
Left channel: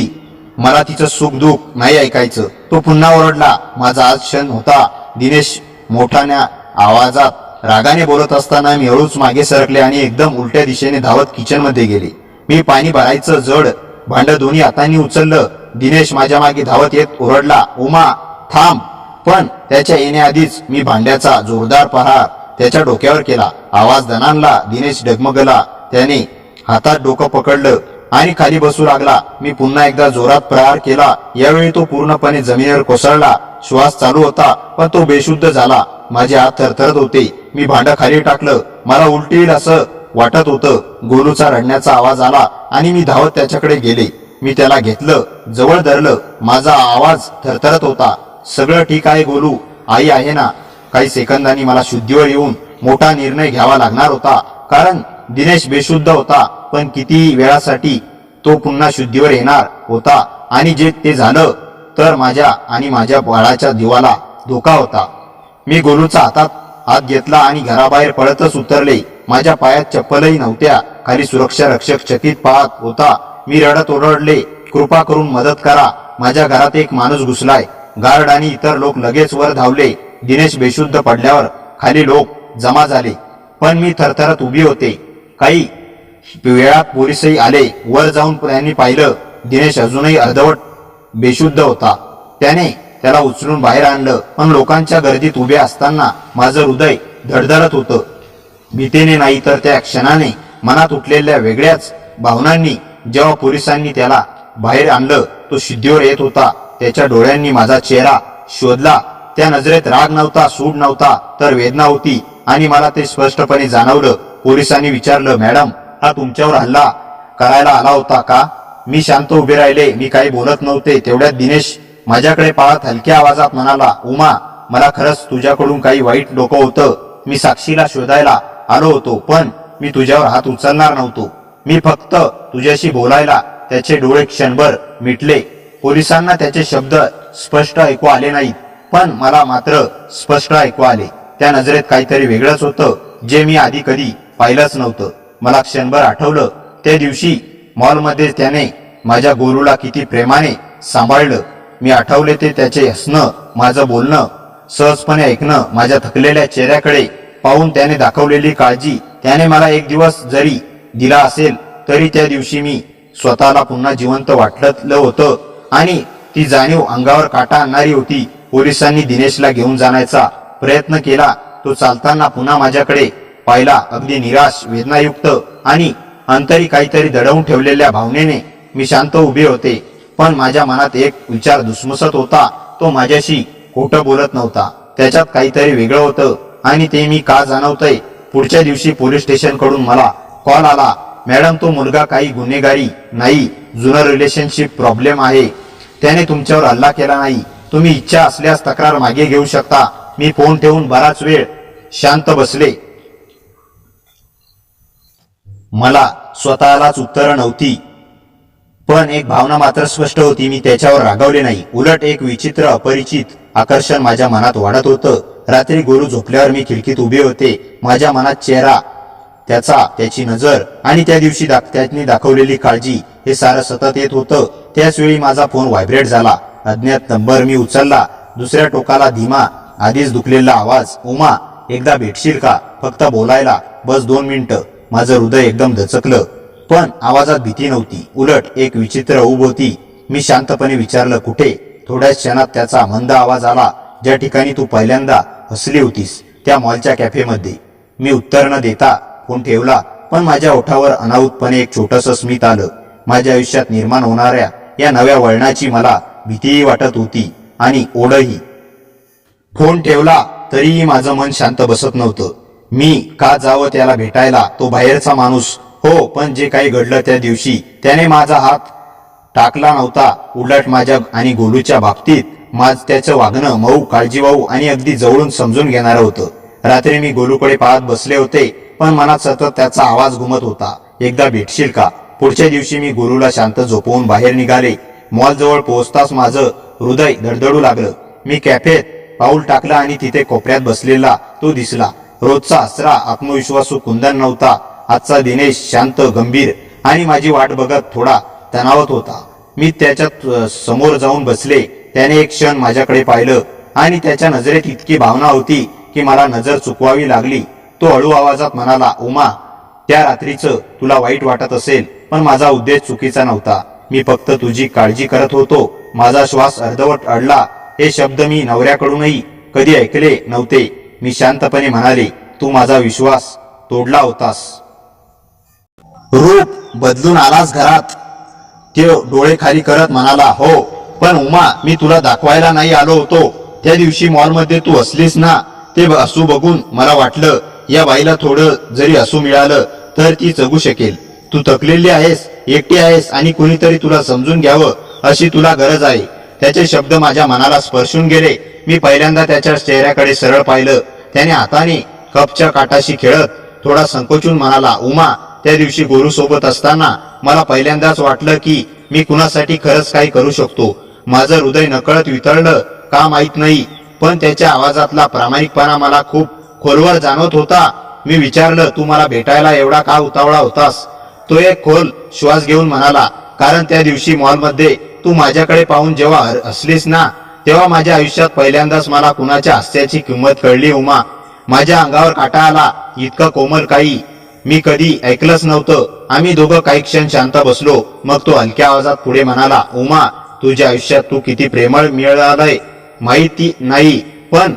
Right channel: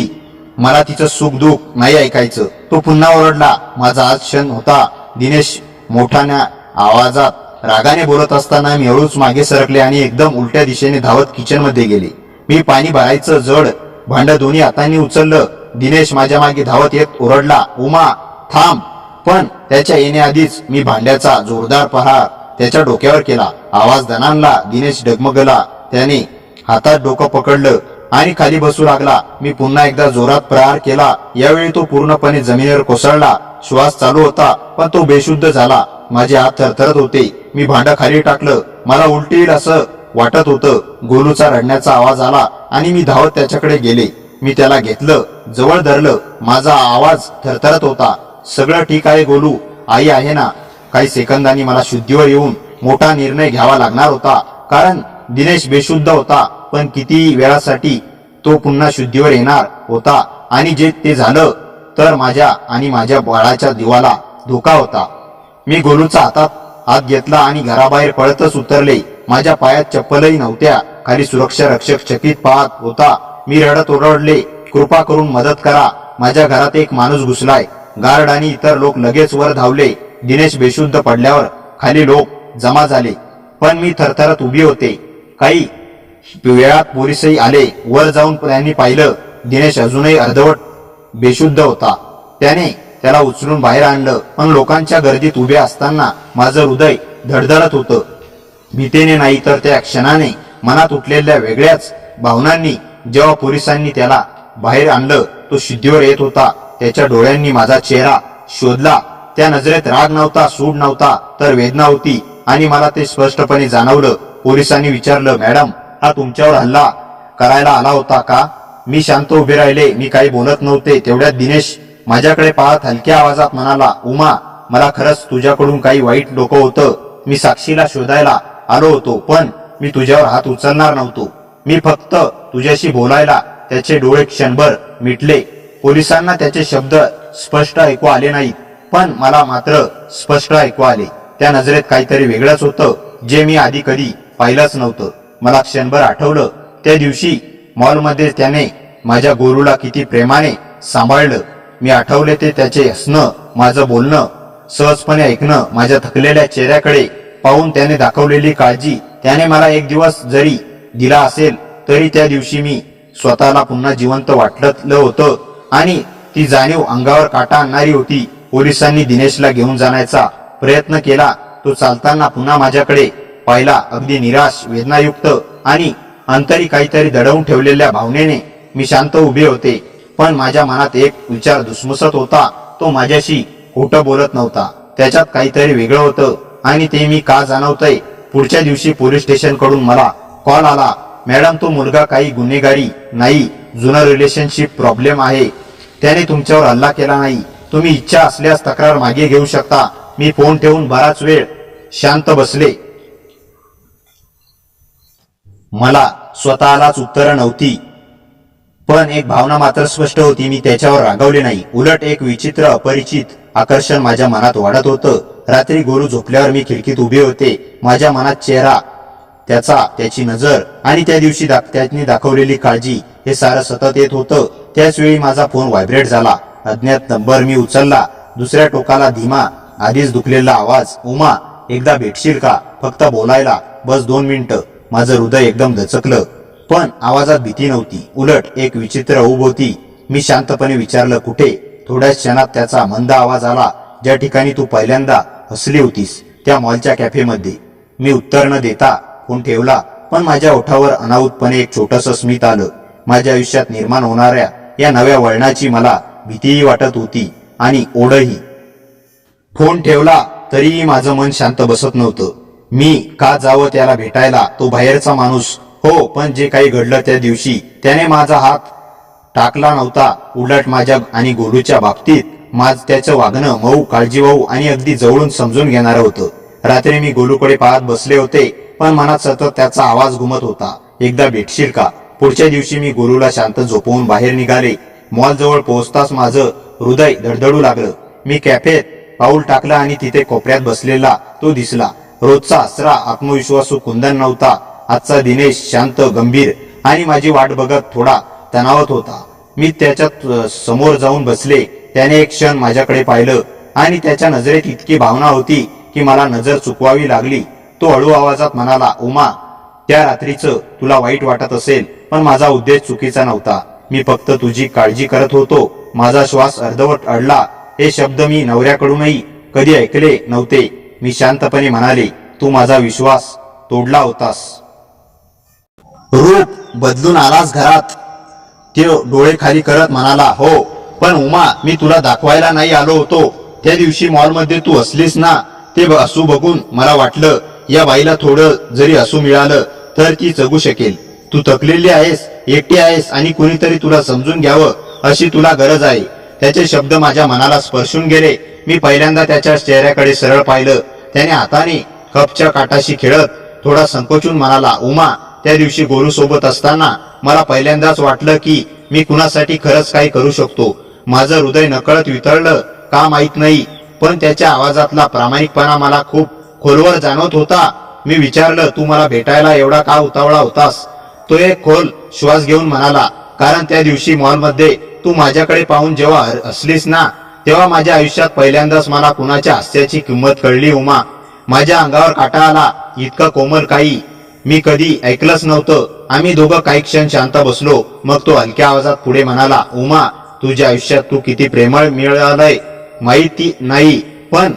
मला तिचं सुख दुःख नाही ऐकायचं. तो पुन्हा ओरडला. माझा आज क्षण होता. दिनेश मोठ्याने आवाजात रागाने बोलत असताना मी हळूच मागे सरकले आणि एकदम उलट्या दिशेने धावत किचनमध्ये गेले. मी पाणी भरायचं जड भांडं दोन्ही हातांनी उचललं. दिनेश माझ्या मागे धावत येत ओरडला, उमा, थांब. पण त्याच्या येण्याआधीच मी भांड्याचा जोरदार प्रहार त्याच्या डोक्यावर केला. आवाज दणाणला. दिनेश डगमगला. त्याने हातात डोकं पकडलं आणि खाली बसू लागला. मी पुन्हा एकदा जोरात प्रहार केला. यावेळी तो पूर्णपणे जमिनीवर कोसळला. श्वास चालू होता, पण तो बेशुद्ध झाला. माझे हात थरथरत होते. मी भांडं खाली टाकलं. मला उलटी येईल असं वाटत होतं. गोलूचा रडण्याचा आवाज आला आणि मी धावत त्याच्याकडे गेले. मी त्याला घेतलं, जवळ धरलं. माझा आवाज थरथरत होता. सगळं ठीक आहे गोलू, आई आहे ना? काही सेकंदांनी मला शुद्धीवर येऊन मोठा निर्णय घ्यावा लागणार होता, कारण दिनेश बेशुद्ध होता. पण किती वेळासाठी तो पुन्हा शुद्धीवर येणार होता, आणि जे ते झालं तर माझ्या आणि माझ्या बाळाच्या जीवाला धोका होता. मी गोलूचा हात घेतला आणि घराबाहेर पळतच उतरले. माझ्या पायात चप्पलही नव्हत्या. खाली सुरक्षा रक्षक चकित पाहत होता. मी रडत ओरडले, कृपा करून मदत करा, माझ्या घरात एक माणूस घुसलाय. गार्ड आणि इतर लोक लगेच वर धावले. दिनेश बेशुद्ध पडल्यावर खाली लोक जमा झाले, पण मी थरथरत उभी होते. काही वेळात पोलिसही आले. वर जाऊन त्यांनी पाहिलं, दिनेश अजूनही अर्धवट बेशुद्ध होता. त्याला उचलून बाहेर आणलं, पण लोकांच्या गर्दीत उभे असताना माझं हृदय धडधडत होतं. भीतीने नाही तर त्या क्षणाने मनात उठलेल्या वेगळ्याच भावनांनी. जेव्हा पोलिसांनी त्याला बाहेर आणलं, तो शुद्धीवर येत होता. त्याच्या डोळ्यांनी माझा चेहरा शोधला. त्या नजरेत राग नव्हता, सूड नव्हता, तर वेदना होती, आणि मला ते स्पष्टपणे जाणवलं. पोलिसांनी विचारलं, मॅडम, हा तुमच्यावर हल्ला करायला आला होता का? मी शांत उभे राहिले. मी काही बोलत नव्हते. तेवढ्यात दिनेश माझ्याकडे पाहत हलक्या आवाजात म्हणाला, उमा, मला खरंच तुझ्याकडून काही वाईट डोकं होतं. मी साक्षीला शोधायला आलो होतो, पण मी तुझ्यावर हात उचलणार नव्हतो. मी फक्त तुझ्याशी बोलायला. त्याचे डोळे क्षणभर मिटले. पोलिसांना त्याचे शब्द स्पष्ट ऐकू आले नाहीत, पण मला मात्र स्पष्ट ऐकू आले. त्या नजरेत काहीतरी वेगळंच होतं, जे मी आधी कधी पाहिलंच नव्हतं. मला क्षणभर आठवलं त्या दिवशी मॉलमध्ये त्याने माझ्या गोलूला किती प्रेमाने सांभाळलं. मी आठवले ते त्याचे हसणं, माझं बोलणं, सहजपणे ऐकणं, माझ्या थकलेल्या चेहऱ्याकडे पाहून त्याने दाखवलेली काळजी. त्याने मला एक दिवस जरी दिला असेल तरी त्या दिवशी मी स्वतःला पुन्हा जिवंत वाटलं होतं, आणि ती जाणीव अंगावर काटा आणणारी होती. पोलिसांनी दिनेशला घेऊन जाण्याचा प्रयत्न केला. तो चालताना पुन्हा माझ्याकडे पाहिला, अगदी निराश, वेदनायुक्त आणि अंतरी काहीतरी दडवून ठेवलेल्या भावनेने. मी शांत उभे होते, पण माझ्या मनात एक विचार धुसमुसत होता. तो माझ्याशी खोटं बोलत नव्हता. त्याच्यात काहीतरी वेगळं होतं, आणि ते मी का जाणवतंय. पुढच्या दिवशी पोलीस स्टेशनकडून मला कॉल आला, मॅडम, तो मुलगा काही गुन्हेगारी नाही, जुनं रिलेशनशिप प्रॉब्लेम आहे. त्याने तुमच्यावर हल्ला केला नाही. तुम्ही इच्छा असल्यास तक्रार मागे घेऊ शकता. मी फोन ठेवून बराच वेळ शांत बसले. मला स्वतःलाच उत्तरं नव्हती, पण एक भावना मात्र स्पष्ट होती. मी त्याच्यावर रागावले नाही. उलट एक विचित्र अपरिचित आकर्षण माझ्या मनात वाढत होतं. रात्री गोलू झोपल्यावर मी खिडकीत उभे होते. माझ्या मनात चेहरा, त्याची नजर आणि त्या दिवशी त्याने दाखवलेली काळजी हे सारं सतत येत होतं. त्याच वेळी माझा फोन व्हायब्रेट झाला. अज्ञात नंबर. मी उचलला. दुसऱ्या टोकाला धीमा, आधीच दुखलेला आवाज. उमा, एकदा भेटशील का? फक्त बोलायला, बस 2 मिनिटं. माझं हृदय एकदम दचकलं, पण आवाजात भीती नव्हती, उलट एक विचित्र ऊब होती. मी शांतपणे विचारलं, कुठे? थोड्याच क्षणात त्याचा मंद आवाज आला, ज्या ठिकाणी तू पहिल्यांदा हसली होतीस, त्या मॉलच्या कॅफेमध्ये. मी उत्तर न देता फोन ठेवला, पण माझ्या ओठावर अनाहूतपणे एक छोटंसं स्मित आलं. माझ्या आयुष्यात निर्माण होणाऱ्या या नव्या वळणाची मला भीतीही वाटत होती आणि ओढही. फोन ठेवला तरीही माझं मन शांत बसत नव्हतं. मी का जावं त्याला भेटायला? तो बाहेरचा माणूस हो, पण जे काही घडलं त्या दिवशी त्याने माझा हात टाकला नव्हता. उलट माझ्या आणि गोलूच्या बाबतीत त्याचं वागणं मऊ, काळजीवाहू आणि अगदी जवळून समजून घेणारं होतं. रात्री मी गोलूकडे पाहत बसले होते, पण मनात सतत त्याचा आवाज घुमत होता, एकदा भेटशील का? पुढच्या दिवशी मी गोलूला शांत झोपवून बाहेर निघाले. मॉलजवळ पोहोचताच माझं हृदय धडधडू लागलं. मी कॅफेत पाऊल टाकलं आणि तिथे कोपऱ्यात बसलेला तो दिसला. रोजचा हसरा, आत्मविश्वासू कुंदन नव्हता. आजचा दिनेश शांत, गंभीर आणि माझी वाट बघत थोडा तणावत होता. मी त्याच्या समोर जाऊन बसले. त्याने एक क्षण माझ्याकडे पाहिलं आणि त्याच्या नजरेत इतकी भावना होती की मला नजर चुकवावी लागली. तो हळू आवाजात म्हणाला, उमा, त्या रात्रीचं तुला वाईट वाटत असेल, पण माझा उद्देश चुकीचा नव्हता. मी फक्त तुझी काळजी करत होतो. माझा श्वास अर्धवट अडला. हे शब्द मी नवऱ्याकडूनही कधी ऐकले नव्हते. मी शांतपणे म्हणाले, तू माझा विश्वास तोडला होतास. रूप बदलून आलास घरात. तो डोळे खाली करत म्हणाला, हो, पण उमा, मी तुला दाखवायला नाही आलो होतो. त्या दिवशी मॉलमध्ये तू हसलीस ना, ते हसू बघून मला वाटलं, या बाईला थोडं जरी हसू मिळालं तर ती जगू शकेल. तू थकलेली आहेस, एकटी आहेस आणि कुणीतरी तुला समजून घ्यावं अशी तुला गरज आहे. त्याचे शब्द माझ्या मनाला स्पर्शून गेले. मी पहिल्यांदा त्याच्या चेहऱ्याकडे सरळ पाहिलं. त्याने हाताने कपच्या काटाशी खेळत थोडा संकोचून म्हणाला, उमा, त्या दिवशी गोलू सोबत असताना मला पहिल्यांदाच वाटलं की मी कुणासाठी खरंच काही करू शकतो. माझं हृदय नकळत वितळलं का माहित नाही, पण त्याच्या आवाजातला प्रामाणिकपणा मला खूप खोलवर जाणवत होता. मी विचारलं, तू मला भेटायला एवढा का उतावळा होतास? तो एक खोल श्वास घेऊन म्हणाला, कारण त्या दिवशी मॉलमध्ये तू माझ्याकडे पाहून जेव्हा हसलीस ना, तेव्हा माझ्या आयुष्यात पहिल्यांदाच मला कुणाच्या हास्याची किंमत कळली. उमा, माझ्या अंगावर काटा आला. इतकं कोमल काही मी कधी ऐकलंच नव्हतं. आम्ही दोघं काही क्षण शांत बसलो. मग तो हलक्या आवाजात पुढे म्हणाला, उमा, तुझ्या आयुष्यात तू किती प्रेमळ मिळालंय माहिती नाही, पण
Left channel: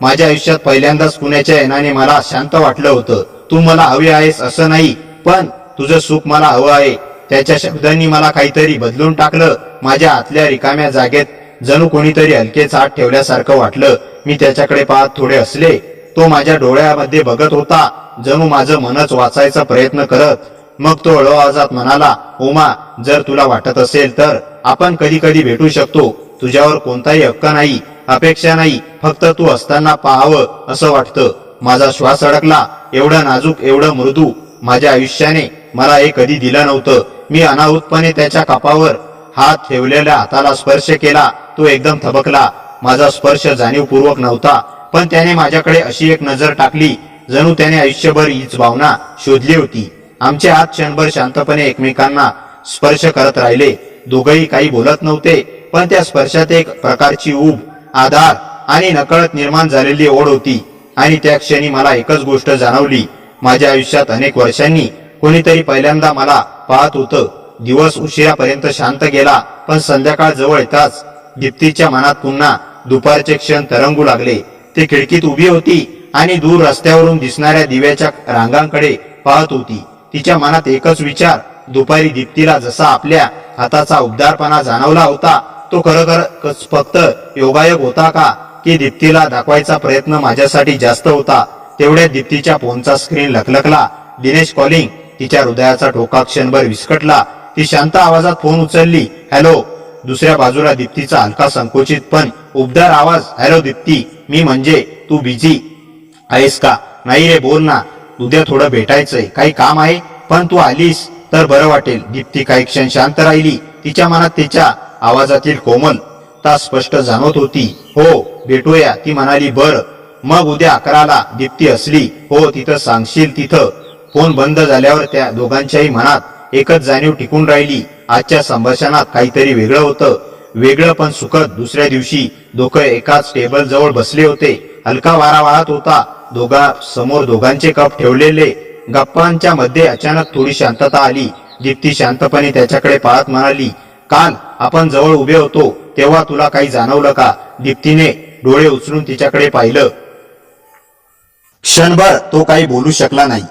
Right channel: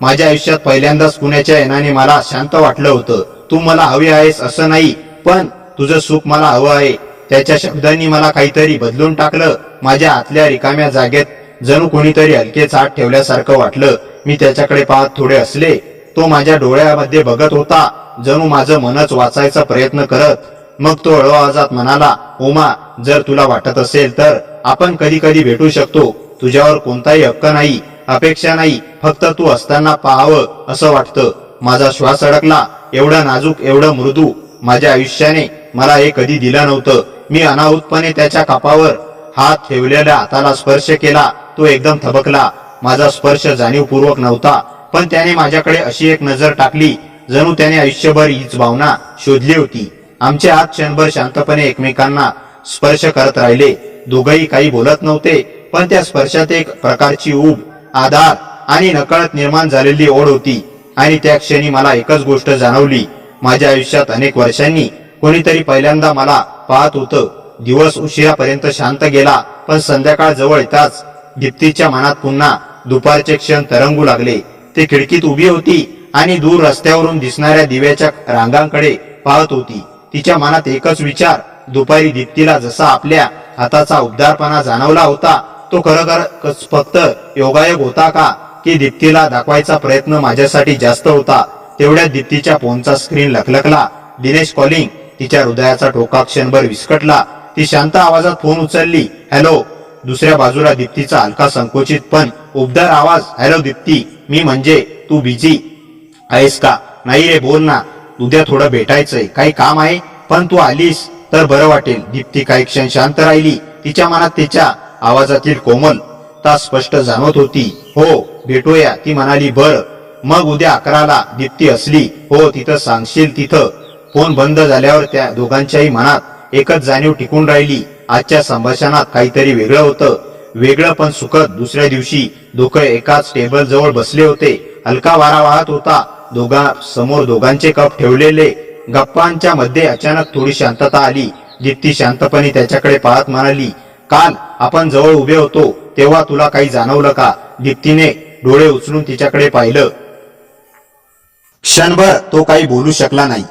माझ्या आयुष्यात पहिल्यांदाच कुणाच्या येण्याने मला शांत वाटलं होतं. तू मला हवी आहेस असं नाही, पण तुझं सुख मला हवं आहे. त्याच्या शब्दांनी मला काहीतरी बदलून टाकलं. माझ्या आतल्या रिकाम्या जागेत जणू कोणीतरी हलकेच हात ठेवल्यासारखं वाटलं. मी त्याच्याकडे पाहत थोडे हसले. तो माझ्या डोळ्यामध्ये बघत होता, जणू माझं मनच वाचायचा प्रयत्न करत. मग तो हळू आवाजात म्हणाला, उमा, जर तुला वाटत असेल तर आपण कधी कधी भेटू शकतो. तुझ्यावर कोणताही हक्क नाही, अपेक्षा नाही, फक्त तू असताना पाहावं असं वाटतं. माझा श्वास अडकला. एवढं नाजूक, एवढं मृदू माझ्या आयुष्याने मला हे कधी दिलं नव्हतं. मी अनाहूतपणे त्याच्या कपावर हात ठेवलेल्या हाताला स्पर्श केला. तो एकदम थबकला. माझा स्पर्श जाणीवपूर्वक नव्हता, पण त्याने माझ्याकडे अशी एक नजर टाकली जणू त्याने आयुष्यभर हीच भावना शोधली होती. आमचे हात क्षणभर शांतपणे एकमेकांना स्पर्श करत राहिले. दोघंही काही बोलत नव्हते, पण त्या स्पर्शात एक प्रकारची ऊब, आधार आणि नकळत निर्माण झालेली ओढ होती. आणि त्या क्षणी मला एकच गोष्ट जाणवली, माझ्या आयुष्यात अनेक वर्षांनी कोणीतरी पहिल्यांदा मला पाहत होतं. दिवस उशिरापर्यंत शांत गेला, पण संध्याकाळ जवळ येताच दीप्तीच्या मनात पुन्हा दुपारचे क्षण तरंगू लागले. ती खिडकीत उभी होती आणि दूर रस्त्यावरून दिसणाऱ्या दिव्याच्या रांगांकडे पाहत होती. तिच्या मनात एकच विचार, दुपारी दीप्तीला जसा आपल्या हाताचा उबदारपणा जाणवला होता, तो खरोखर फक्त योगायोग होता का, की दीप्तीला दाखवायचा प्रयत्न माझ्यासाठी जास्त होता? तेवढ्यात दीप्तीच्या फोनचा स्क्रीन लखलखला. दिनेश कॉलिंग. तिच्या हृदयाचा ठोका क्षणभर विस्कटला. ती शांत आवाजात फोन उचलली. हॅलो. दुसऱ्या बाजूला दीप्तीचा हलका संकोचित पण उबदार आवाज. हॅलो दीप्ती, मी म्हणजे तू बिझी आहेस का? नाही रे, बोल ना, उद्या थोडं भेटायचंय, काही काम आहे. पण तू आलीस तर बरं वाटेल. दीप्ती काही क्षण शांत राहिली. तिच्या मनात तिच्या आवाजातील कोमलता स्पष्ट जाणवत होती. हो, भेटूया, ती म्हणाली. बर, मग उद्या 11ला. दीप्ती हसली. हो, तिथं सांगशील तिथं. फोन बंद झाल्यावर त्या दोघांच्याही मनात एकच जाणीव टिकून राहिली. आजच्या संभाषणात काहीतरी वेगळं होतं, वेगळं पण सुखद. दुसऱ्या दिवशी दोघं एकाच टेबल जवळ बसले होते. हलका वारा वाहत होता. समोर दोघांचे कप ठेवलेले. गप्पांच्या मध्ये अचानक थोडी शांतता आली. दीप्ती शांतपणे त्याच्याकडे पाहत म्हणाली, काल आपण जवळ उभे होतो तेव्हा तुला काही जाणवलं का? दीप्तीने डोळे उचलून तिच्याकडे पाहिलं. क्षणभर तो काही बोलू शकला नाही.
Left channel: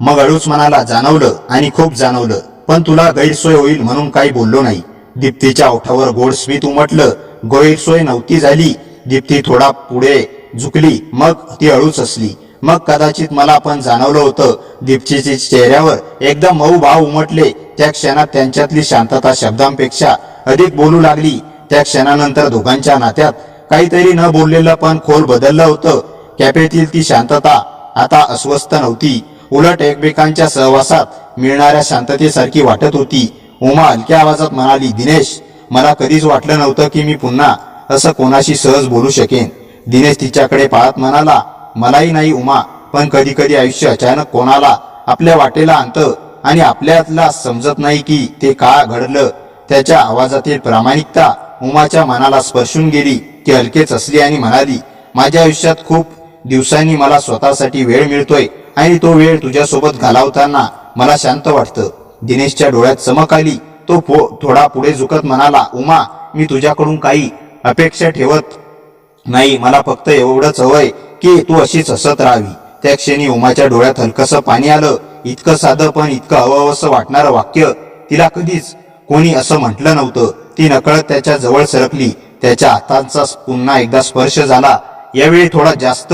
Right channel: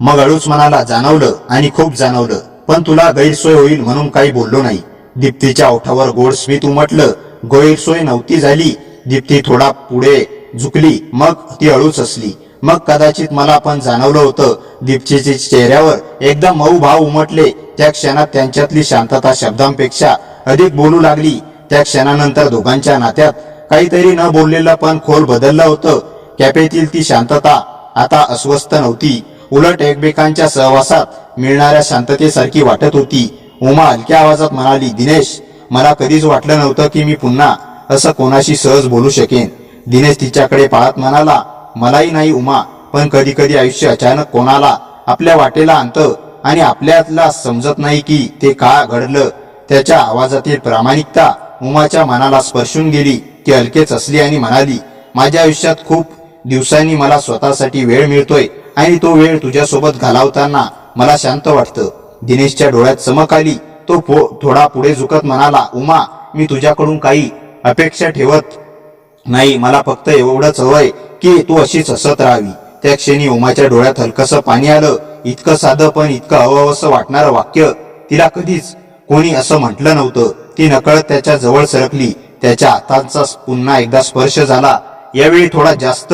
मग हळूच म्हणाला, जाणवलं, आणि खूप जाणवलं, पण तुला गैरसोय होईल म्हणून काही बोललो नाही. दीप्तीच्या ओठावर गोड स्मित उमटलं. गैरसोय नव्हती झाली. दीप्ती थोडा पुढे झुकली. मग ती हळूच हसली. मग कदाचित मला पण जाणवलं होतं. दीप्तीच्या चेहऱ्यावर एकदम मऊ भाव उमटले. त्या क्षणात त्यांच्यातली शांतता शब्दांपेक्षा अधिक बोलू लागली. त्या क्षणानंतर दोघांच्या नात्यात काहीतरी न बोललेलं पण खोल बदललं होतं. कॅफेतील ती शांतता आता अस्वस्थ नव्हती, उलट एकमेकांच्या सहवासात मिळणाऱ्या शांततेसारखी वाटत होती. उमा हलक्या आवाजात म्हणाली, दिनेश, मला कधीच वाटलं नव्हतं की मी पुन्हा असं कोणाशी सहज बोलू शकेन. दिनेश तिच्याकडे पाहत म्हणाला, मलाही नाही उमा, पण कधी कधी आयुष्य अचानक कोणाला आपल्या वाटेला आणतं आणि आपल्याला समजत नाही की ते का घडलं. त्याच्या आवाजातील प्रामाणिकता उमाच्या मनाला स्पर्शून गेली. ती हलकेच हसली आणि म्हणाली, माझ्या आयुष्यात खूप दिवसांनी मला स्वतःसाठी वेळ मिळतोय आणि तो वेळ तुझ्यासोबत घालवताना मला शांत वाटतं. दिनेशच्या डोळ्यात चमक आली. तो थोडा पुढे झुकत म्हणाला, उमा, मी तुझ्याकडून काही अपेक्षा ठेवत नाही. मला फक्त एवढंच हवंय की तू अशीच हसत राहावी. त्या क्षणी उमाच्या डोळ्यात हलकसं पाणी आलं. इतकं साधं पण इतकं हवंसं वाटणारं वाक्य तिला कधीच कोणी असं म्हटलं नव्हतं. ती नकळत त्याच्या जवळ सरकली. त्याच्या हातांचा पुन्हा एकदा स्पर्श झाला. यावेळी थोडा जास्त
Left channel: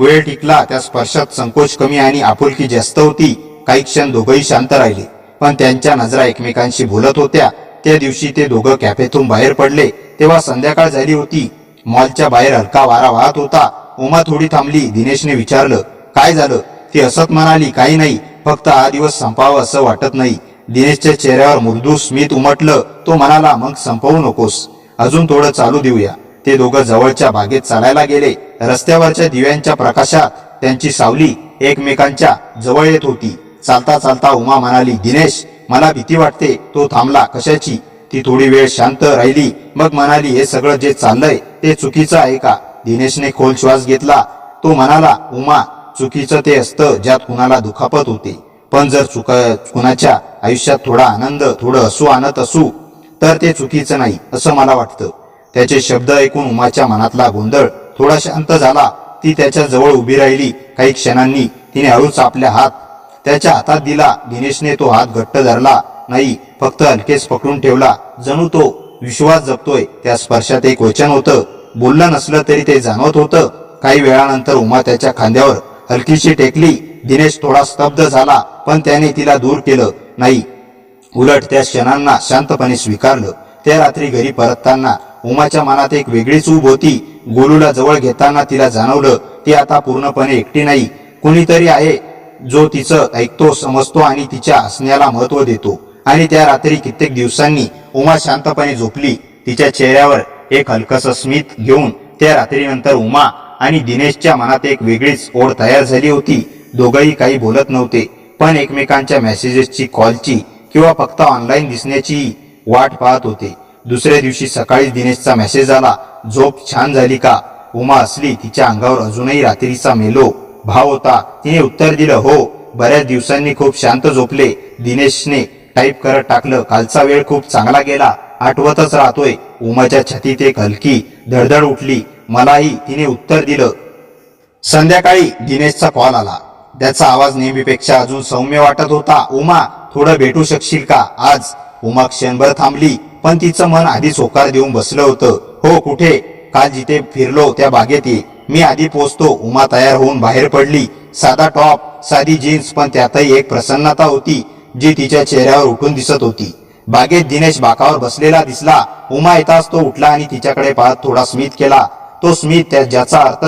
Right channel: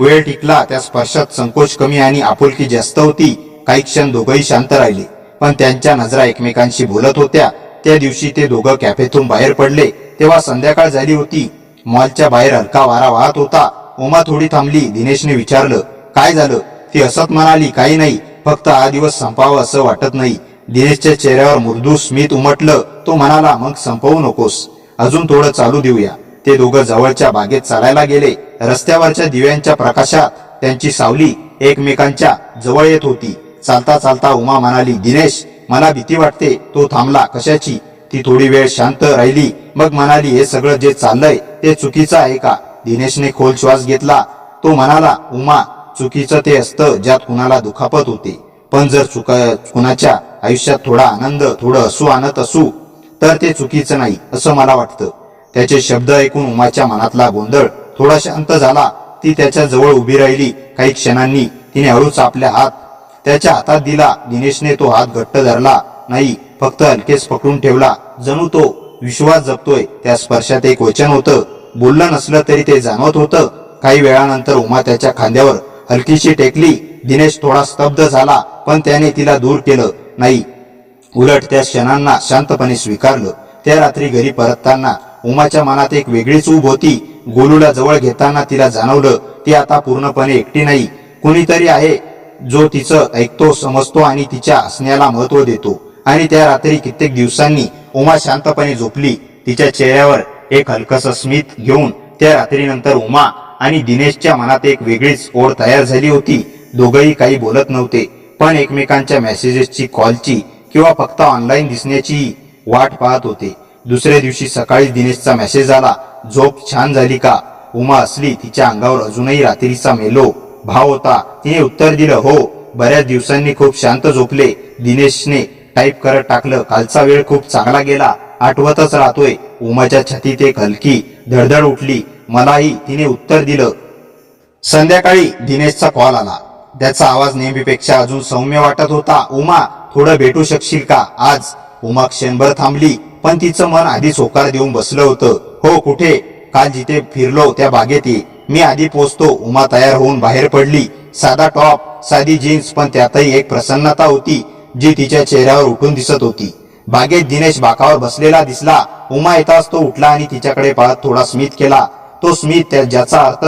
वेळ टिकला. त्या स्पर्शात संकोच कमी आणि आपुलकी जास्त होती. काही क्षण दोघंही शांत राहिले, पण त्यांच्या नजरा एकमेकांशी बोलत होत्या. त्या दिवशी ते दोघं कॅफेतून बाहेर पडले तेव्हा संध्याकाळ झाली होती. मॉलच्या बाहेर हलका वारा वाहत होता. उमा थोडी थांबली. दिनेशने विचारलं, काय झालं? ती हसत म्हणाली, काही नाही, फक्त हा दिवस संपावा असं वाटत नाही. दिनेशच्या चेहऱ्यावर मृदू स्मित उमटलं. तो म्हणाला, मग संपवू नकोस, अजून थोडं चालू देऊया. ते दोघं जवळच्या बागेत चालायला गेले. रस्त्यावरच्या दिव्यांच्या प्रकाशात त्यांची सावली एकमेकांच्या जवळ येत होती. चालता चालता उमा म्हणाली, दिनेश, मला भीती वाटते. तो थांबला. कशाची? ती थोडी वेळ शांत राहिली. मग म्हणाली, हे सगळं जे चाललंय ते चुकीचं आहे का? दिनेशने खोल श्वास घेतला. तो म्हणाला, उमा, चुकीचं ते असतं ज्यात कुणाला दुखापत होते. पण जर कुणाच्या आयुष्यात थोडा आनंद, थोडं हसू आणत असू तर ते चुकीचं नाही असं मला वाटतं. त्याचे शब्द ऐकून उमाच्या मनातला गोंधळ थोडा शांत झाला. ती त्याच्या जवळ उभी राहिली. काही क्षणांनी तिने हळूच आपला हात त्याच्या हातात दिला. दिनेशने तो हात घट्ट धरला नाही, फक्त हलकेच पकडून ठेवला, जणू तो विश्वास जपतोय. त्या स्पर्शात एक वचन होतं. बोललं नसलं तरी ते जाणवत होतं. काही वेळानंतर उमा त्याच्या खांद्यावर हलकीशी टेकली. दिनेश थोडा स्तब्ध झाला, पण त्याने तिला दूर केलं नाही, उलट त्या क्षणांना शांतपणे स्वीकारलं. त्या रात्री घरी परतताना उमाच्या मनात एक वेगळीच ऊब होती. गोलूला जवळ घेताना तिला जाणवलं, ती आता पूर्णपणे एकटी नाही. कुणीतरी आहे जो तिचं ऐकतो, समजतो आणि तिच्या हसण्याला महत्त्व देतो. आणि त्या रात्री कित्येक दिवसांनी उमा शांतपणे झोपली, तिच्या चेहऱ्यावर एक हलकसं स्मित घेऊन. त्या रात्रीनंतर उमा आणि दिनेशच्या मनात एक वेगळीच ओढ तयार झाली होती. दोघंही काही बोलत नव्हते, पण एकमेकांच्या मेसेजेसची, कॉलची किंवा फक्त ऑनलाईन दिसण्याची वाट पाहत होते. दुसऱ्या दिवशी सकाळी दिनेशचा मेसेज आला, झोप छान झाली का? उमा हसली. तिच्या अंगावर अजूनही रात्रीचा मेलो भाव होता. तिने उत्तर दिलं, हो, बऱ्याच दिवसांनी खूप शांत झोपले. दिनेशने टाईप करत टाकलं, कालचा वेळ खूप चांगला गेला, आठवतच राहतोय. उमाच्या छातीत एक हलकी धडधड उठली. मलाही, तिने उत्तर दिलं. संध्याकाळी दिनेशचा कॉल आला. त्याचा आवाज नेहमीपेक्षा अजून सौम्य वाटत होता. उमा, थोडं भेटू शकशील का आज? उमा क्षणभर थांबली, पण तिचं मन आधीच होकार देऊन बसलं होतं. हो, कुठे? काल जिथे फिरलो त्या बागेत ये, मी आधी पोचतो. उमा तयार होऊन बाहेर पडली. साधा टॉप, साधी जीन्स, पण त्यातही एक प्रसन्नता होती जी तिच्या चेहऱ्यावर उठून दिसत होती. बागेत दिनेश बाकावर बसलेला दिसला. उमा येताच तो उठला आणि तिच्याकडे पाहत थोडा स्मित केला. तो स्मित ज्याचा अर्थ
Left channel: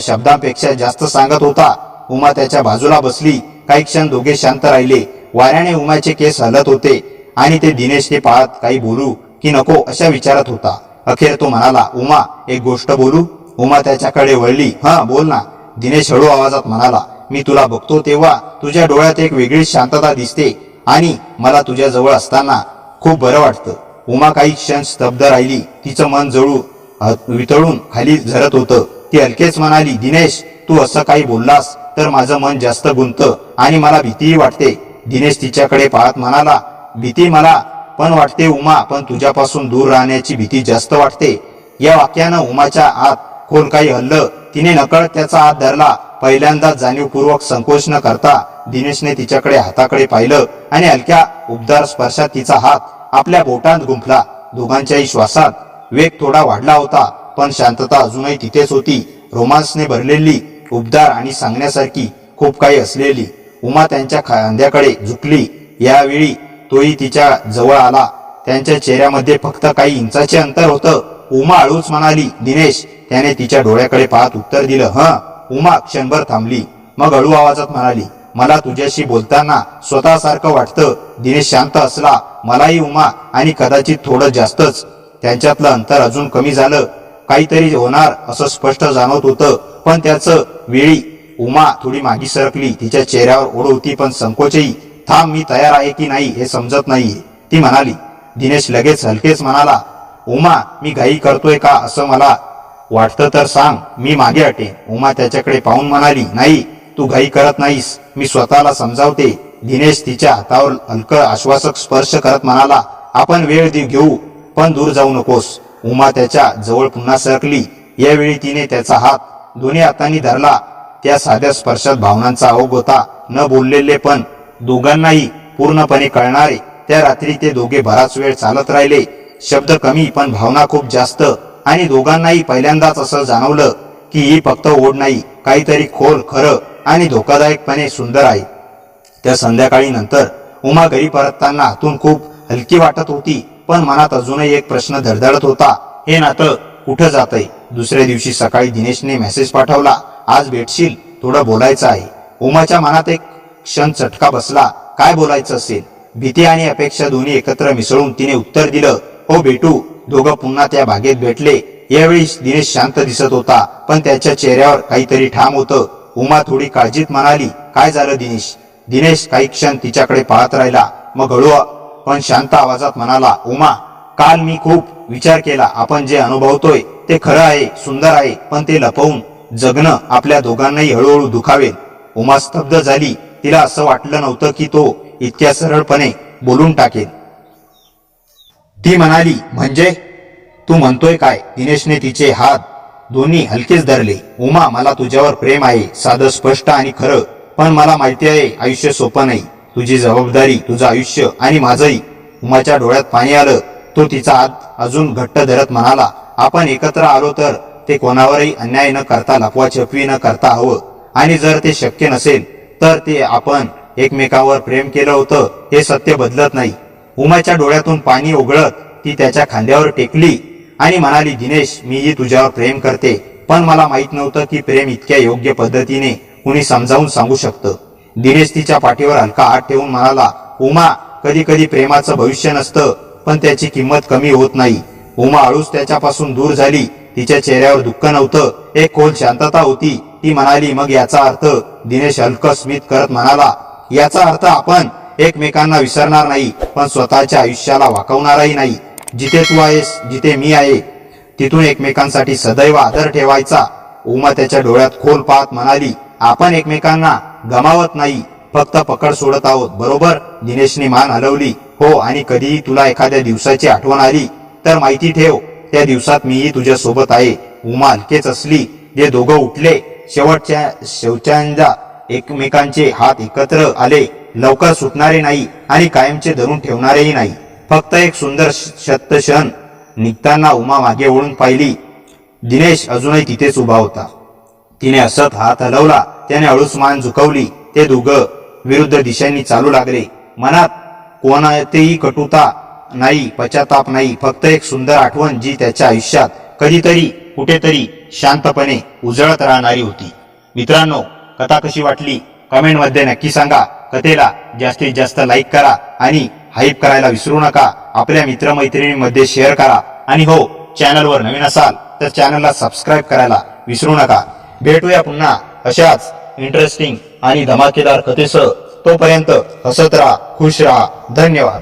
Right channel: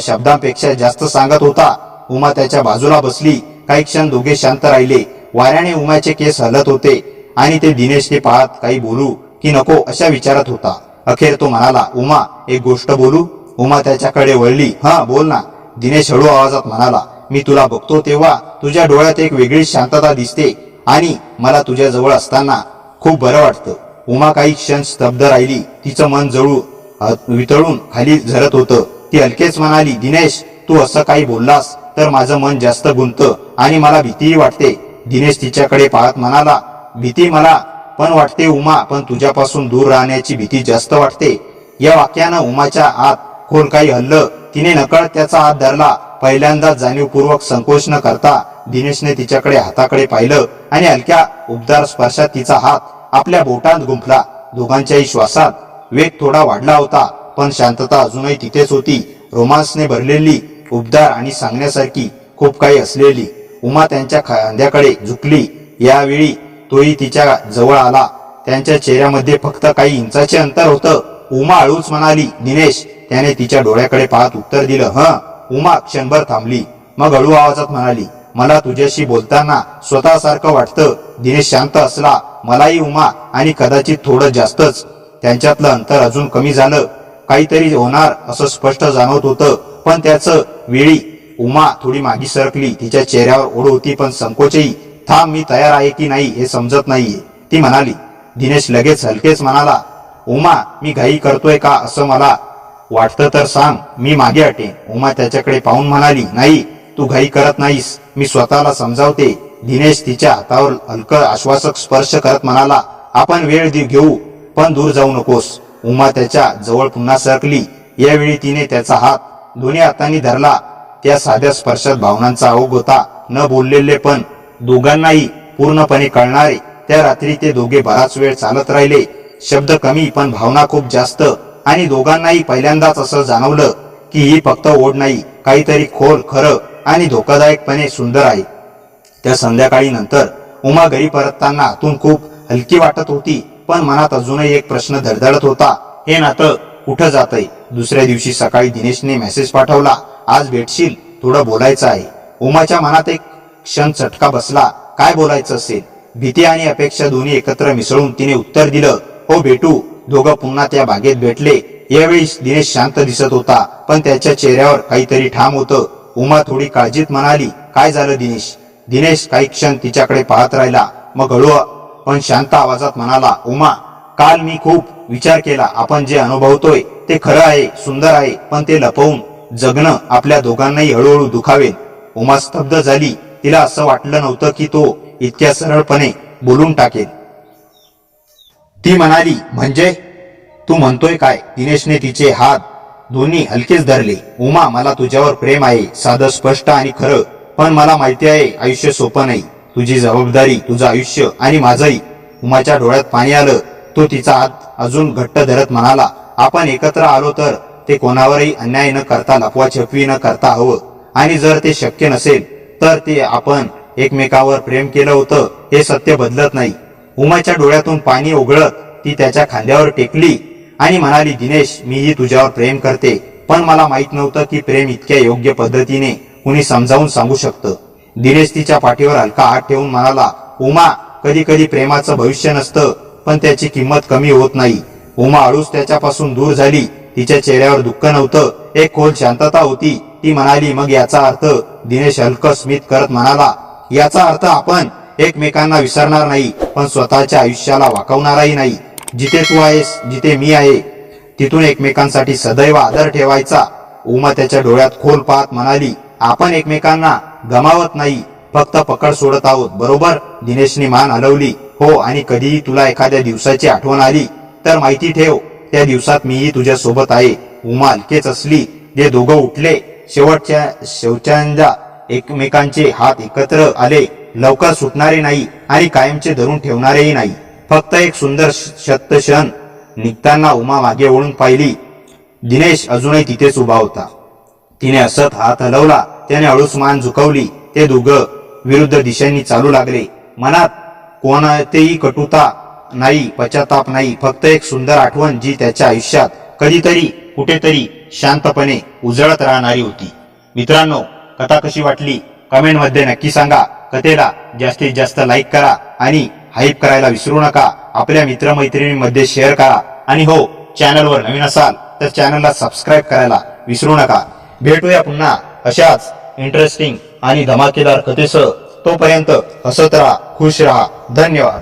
शब्दांपेक्षा जास्त सांगत होता. उमा त्याच्या बाजूला बसली. काही क्षण दोघे शांत राहिले. वाऱ्याने उमाचे केस हलत होते आणि ते दिनेश ते पाहत काही बोलू की नको अशा विचारात होता. अखेर तो म्हणाला, उमा एक गोष्ट बोलू. उमा त्याच्याकडे वळली. बोल ना. दिनेश हळू आवाजात म्हणाला, मी तुला बघतो तेव्हा तुझ्या डोळ्यात एक वेगळी शांतता दिसते आणि मला तुझ्या जवळ असताना खूप बरं वाटतं. उमा काही क्षण स्तब्ध राहिली. तिचं मन वितळून खाली झरत होतं. ती हलकेच म्हणाली, दिनेश तू असं काही बोललास तर माझं मन जास्त गुंततं आणि मला भीतीही वाटते. दिनेश तिच्याकडे पाहत म्हणाला, भीती मला पण वाटते उमा, पण तुझ्यापासून दूर राहण्याची भीती जास्त वाटते. या वाक्यानं उमाच्या आत खोल काही हल्लं. तिने नकळत त्याचा हात धरला. पहिल्यांदाच जाणीवपूर्वक संकोच न करता दिनेशने तिच्याकडे हाताकडे पाहिलं आणि हलक्या उबदार स्पर्शात तिचा हात आपल्या बोटांत गुंफला. दोघांच्याही श्वासात वेग थोडा वाढला होता, पण शांतता अजूनही तिथेच होती. रोमांसने भरलेली, उबदार आणि सांगण्यासारखी खूप काही असलेली. उमा त्यांच्या खांद्याकडे झुकली. यावेळी तोही तिच्या जवळ आला. त्यांच्या चेहऱ्यामध्ये फक्त काही इंचाचे अंतर होतं. उमा हळूच म्हणाली, दिनेश. त्याने तिच्या डोळ्याकडे पाहत उत्तर दिलं. उमा क्षणभर थांबली. मग हळू आवाजात म्हणाली, मला तुझ्याशी बोलताना स्वतःसारखं वाटतं. दिनेश शांत असला. मलाही उमा, आणि कदाचित थोडं जास्तच. त्यांच्यातलं अंतर अजून कमी झालं. काहीतरी होणार असं स्पष्ट जाणवत होतं, पण त्याच वेळी उमा थोडी मागे सरकली. तिच्या चेहऱ्यावर ओढ होती, पण संकोचही. थांब, मी तयार आहे की नाही हे समजत नाहीये, ती म्हणाली. दिनेश लगेच हलकेच म्हणाला, उमा मी घाई करतोय का असं मला वाटतं तर सांग, मी मागे हटेन. उमा त्याच्याकडे पाहून म्हणाली, नाही तू घाई करत नाहीस, मी स्वतःला समजावते. दिनेश तिच्या हातावर हलकं आश्वासक स्पर्श करत म्हणाला, आपण वेळ घेऊ, पण दूर जाऊ नकोस. उमा त्याच्या जवळ पुन्हा सरकली. यावेळी तिने त्याचा हात दोन्ही हातांनी धरला. त्या साध्या स्पर्शात भावनांचा ओघ होता. न बोललेले पण दोघांनाही पूर्णपणे कळणारे. त्या रात्री ते दोघे बराच वेळ चालत राहिले. शब्द कमी पण भावना खूप जास्त. आणि दोघांनाही पहिल्यांदाच असं जाणवलं की ही फक्त ओढ नाही, काहीतरी खोल, खरं आणि धोकादायकपणे सुंदर आहे. त्या संध्याकाळी नंतर उमा घरी परतताना आतून खूप हलकी वाटत होती, पण मनात अजूनही एक प्रश्न धडधडत होता, हे नातं कुठं जातंय. दुसऱ्या दिवशी सकाळी दिनेशने मेसेज पाठवला, आज भेटशील, थोडं बोलायचं आहे. उमाच्या मनात एक क्षण चटका बसला. काय बोलायचं असेल? भीती आणि अपेक्षा दोन्ही एकत्र मिसळून तिने उत्तर दिलं, हो भेटू. दोघं पुन्हा त्या बागेत भेटले. यावेळी दिनेश शांत दिसत होता, पण त्याच्या चेहऱ्यावर काहीतरी ठाम होतं. उमा थोडी काळजीत म्हणाली, काय झालं दिनेश? दिनेश काही क्षण तिच्याकडे पाहत राहिला. मग हळू पण शांत आवाजात म्हणाला, उमा काल मी खूप विचार केला. आपण जे अनुभवतोय ते खरं आहे, सुंदर आहे, पण ते लपवून जगणं आपल्या दोघांनाही हळूहळू दुखावेल. उमा स्तब्ध झाली. तिला असं वाटलं नव्हतं की तो इतक्या सरळपणे बोलून टाकेल. ती म्हणाली, म्हणजे तू म्हणतोय काय? दिनेशने तिचे हात दोन्ही हलकेच धरले. उमा मला तुझ्यावर प्रेम आहे, साधं, स्पष्ट आणि खरं. पण मला माहिती आहे आयुष्य सोपं नाही. तुझी जबाबदारी, तुझं आयुष्य आणि माझंही. उमाच्या डोळ्यात पाणी आलं. तो तिचा हात अजून घट्ट धरत म्हणाला, आपण एकत्र आलो तर ते कोणावरही अन्याय न करता, लपवाछपवी न करता हवं. आणि जर ते शक्य नसेल तर ते आपण एकमेकावर प्रेम केलं होतं हे सत्य बदलत नाही. उमाच्या डोळ्यातून पाणी ओघळत ती त्याच्या खांद्यावर टेकली आणि म्हणाली, दिनेश मीही तुझ्यावर प्रेम करते, पण मला माहित नव्हतं की प्रेम इतक्या योग्य पद्धतीने कुणी समजावून सांगू शकतं. दिनेश तिच्या पाठीवर हलका हात ठेवून म्हणाला, उमा कधी कधी प्रेमाचं भविष्य नसतं, पण त्याची किंमत कमी होत नाही. उमा हळूच त्याच्यापासून दूर झाली. तिच्या चेहऱ्यावर दुःख नव्हतं, एक खोल शांतता होती. ती म्हणाली, मग याचा अर्थ? दिनेश हलकं स्मित करत म्हणाला, याचा अर्थ आपण एकमेकांना विसरणार नाही, पण स्वतःच्या आयुष्याला वाकवणारही नाही. जिथे तू आहेस, जिथे मी आहे, तिथून एकमेकांसाठी सदैव आदर ठेवायचा. उमा त्याच्या डोळ्यात खोल पाहत म्हणाली, आपण एकमेकांना गमावत नाही, फक्त पकड सोडत आहोत, बरोबर? दिनेशने मान हलवली. हो, आणि कधीही तुला एखाद्या दिवसाची आठवण आली तर माहिती ठेव, त्या दिवसात मीही तुझ्या सोबत आहे. उमा हलकेच असली. जे दोघं उठले. शेवटच्या एकमेकांचे हात एकत्र आले. लवकर सुटणारे नाही आणि कायमचे धरून ठेवणारेही नाही. फक्त एक सुंदर क्षण. निघताना उमा मागे वळून पाहिली. दिनेश अजूनही तिथेच उभा होता. तिने हसत हात हलवला. त्याने हळूच मान झुकवली. ते दोघं विरुद्ध दिशांनी चालू लागले. मनात कोणतीही कटुता नाही, पश्चाताप नाही, फक्त एक सुंदर आठवण जी त्याच्या आयुष्यात कधीतरी कुठेतरी शांतपणे उजळत राहणारी होती. मित्रांनो, कथा कशी वाटली कमेंटमध्ये नक्की सांगा. कथेला जास्तीत जास्त लाईक करा आणि हाईप करायला विसरू नका. आपल्या मित्रमैत्रिणींमध्ये शेअर करा आणि हो, चॅनलवर नवीन असाल तर चॅनलला सबस्क्राईब करायला विसरू नका. भेटूया पुन्हा अशाच इंटरेस्टिंग आणि धमाकेदार कथेसह. तोपर्यंत हसत राहा, खुश राहा. धन्यवाद.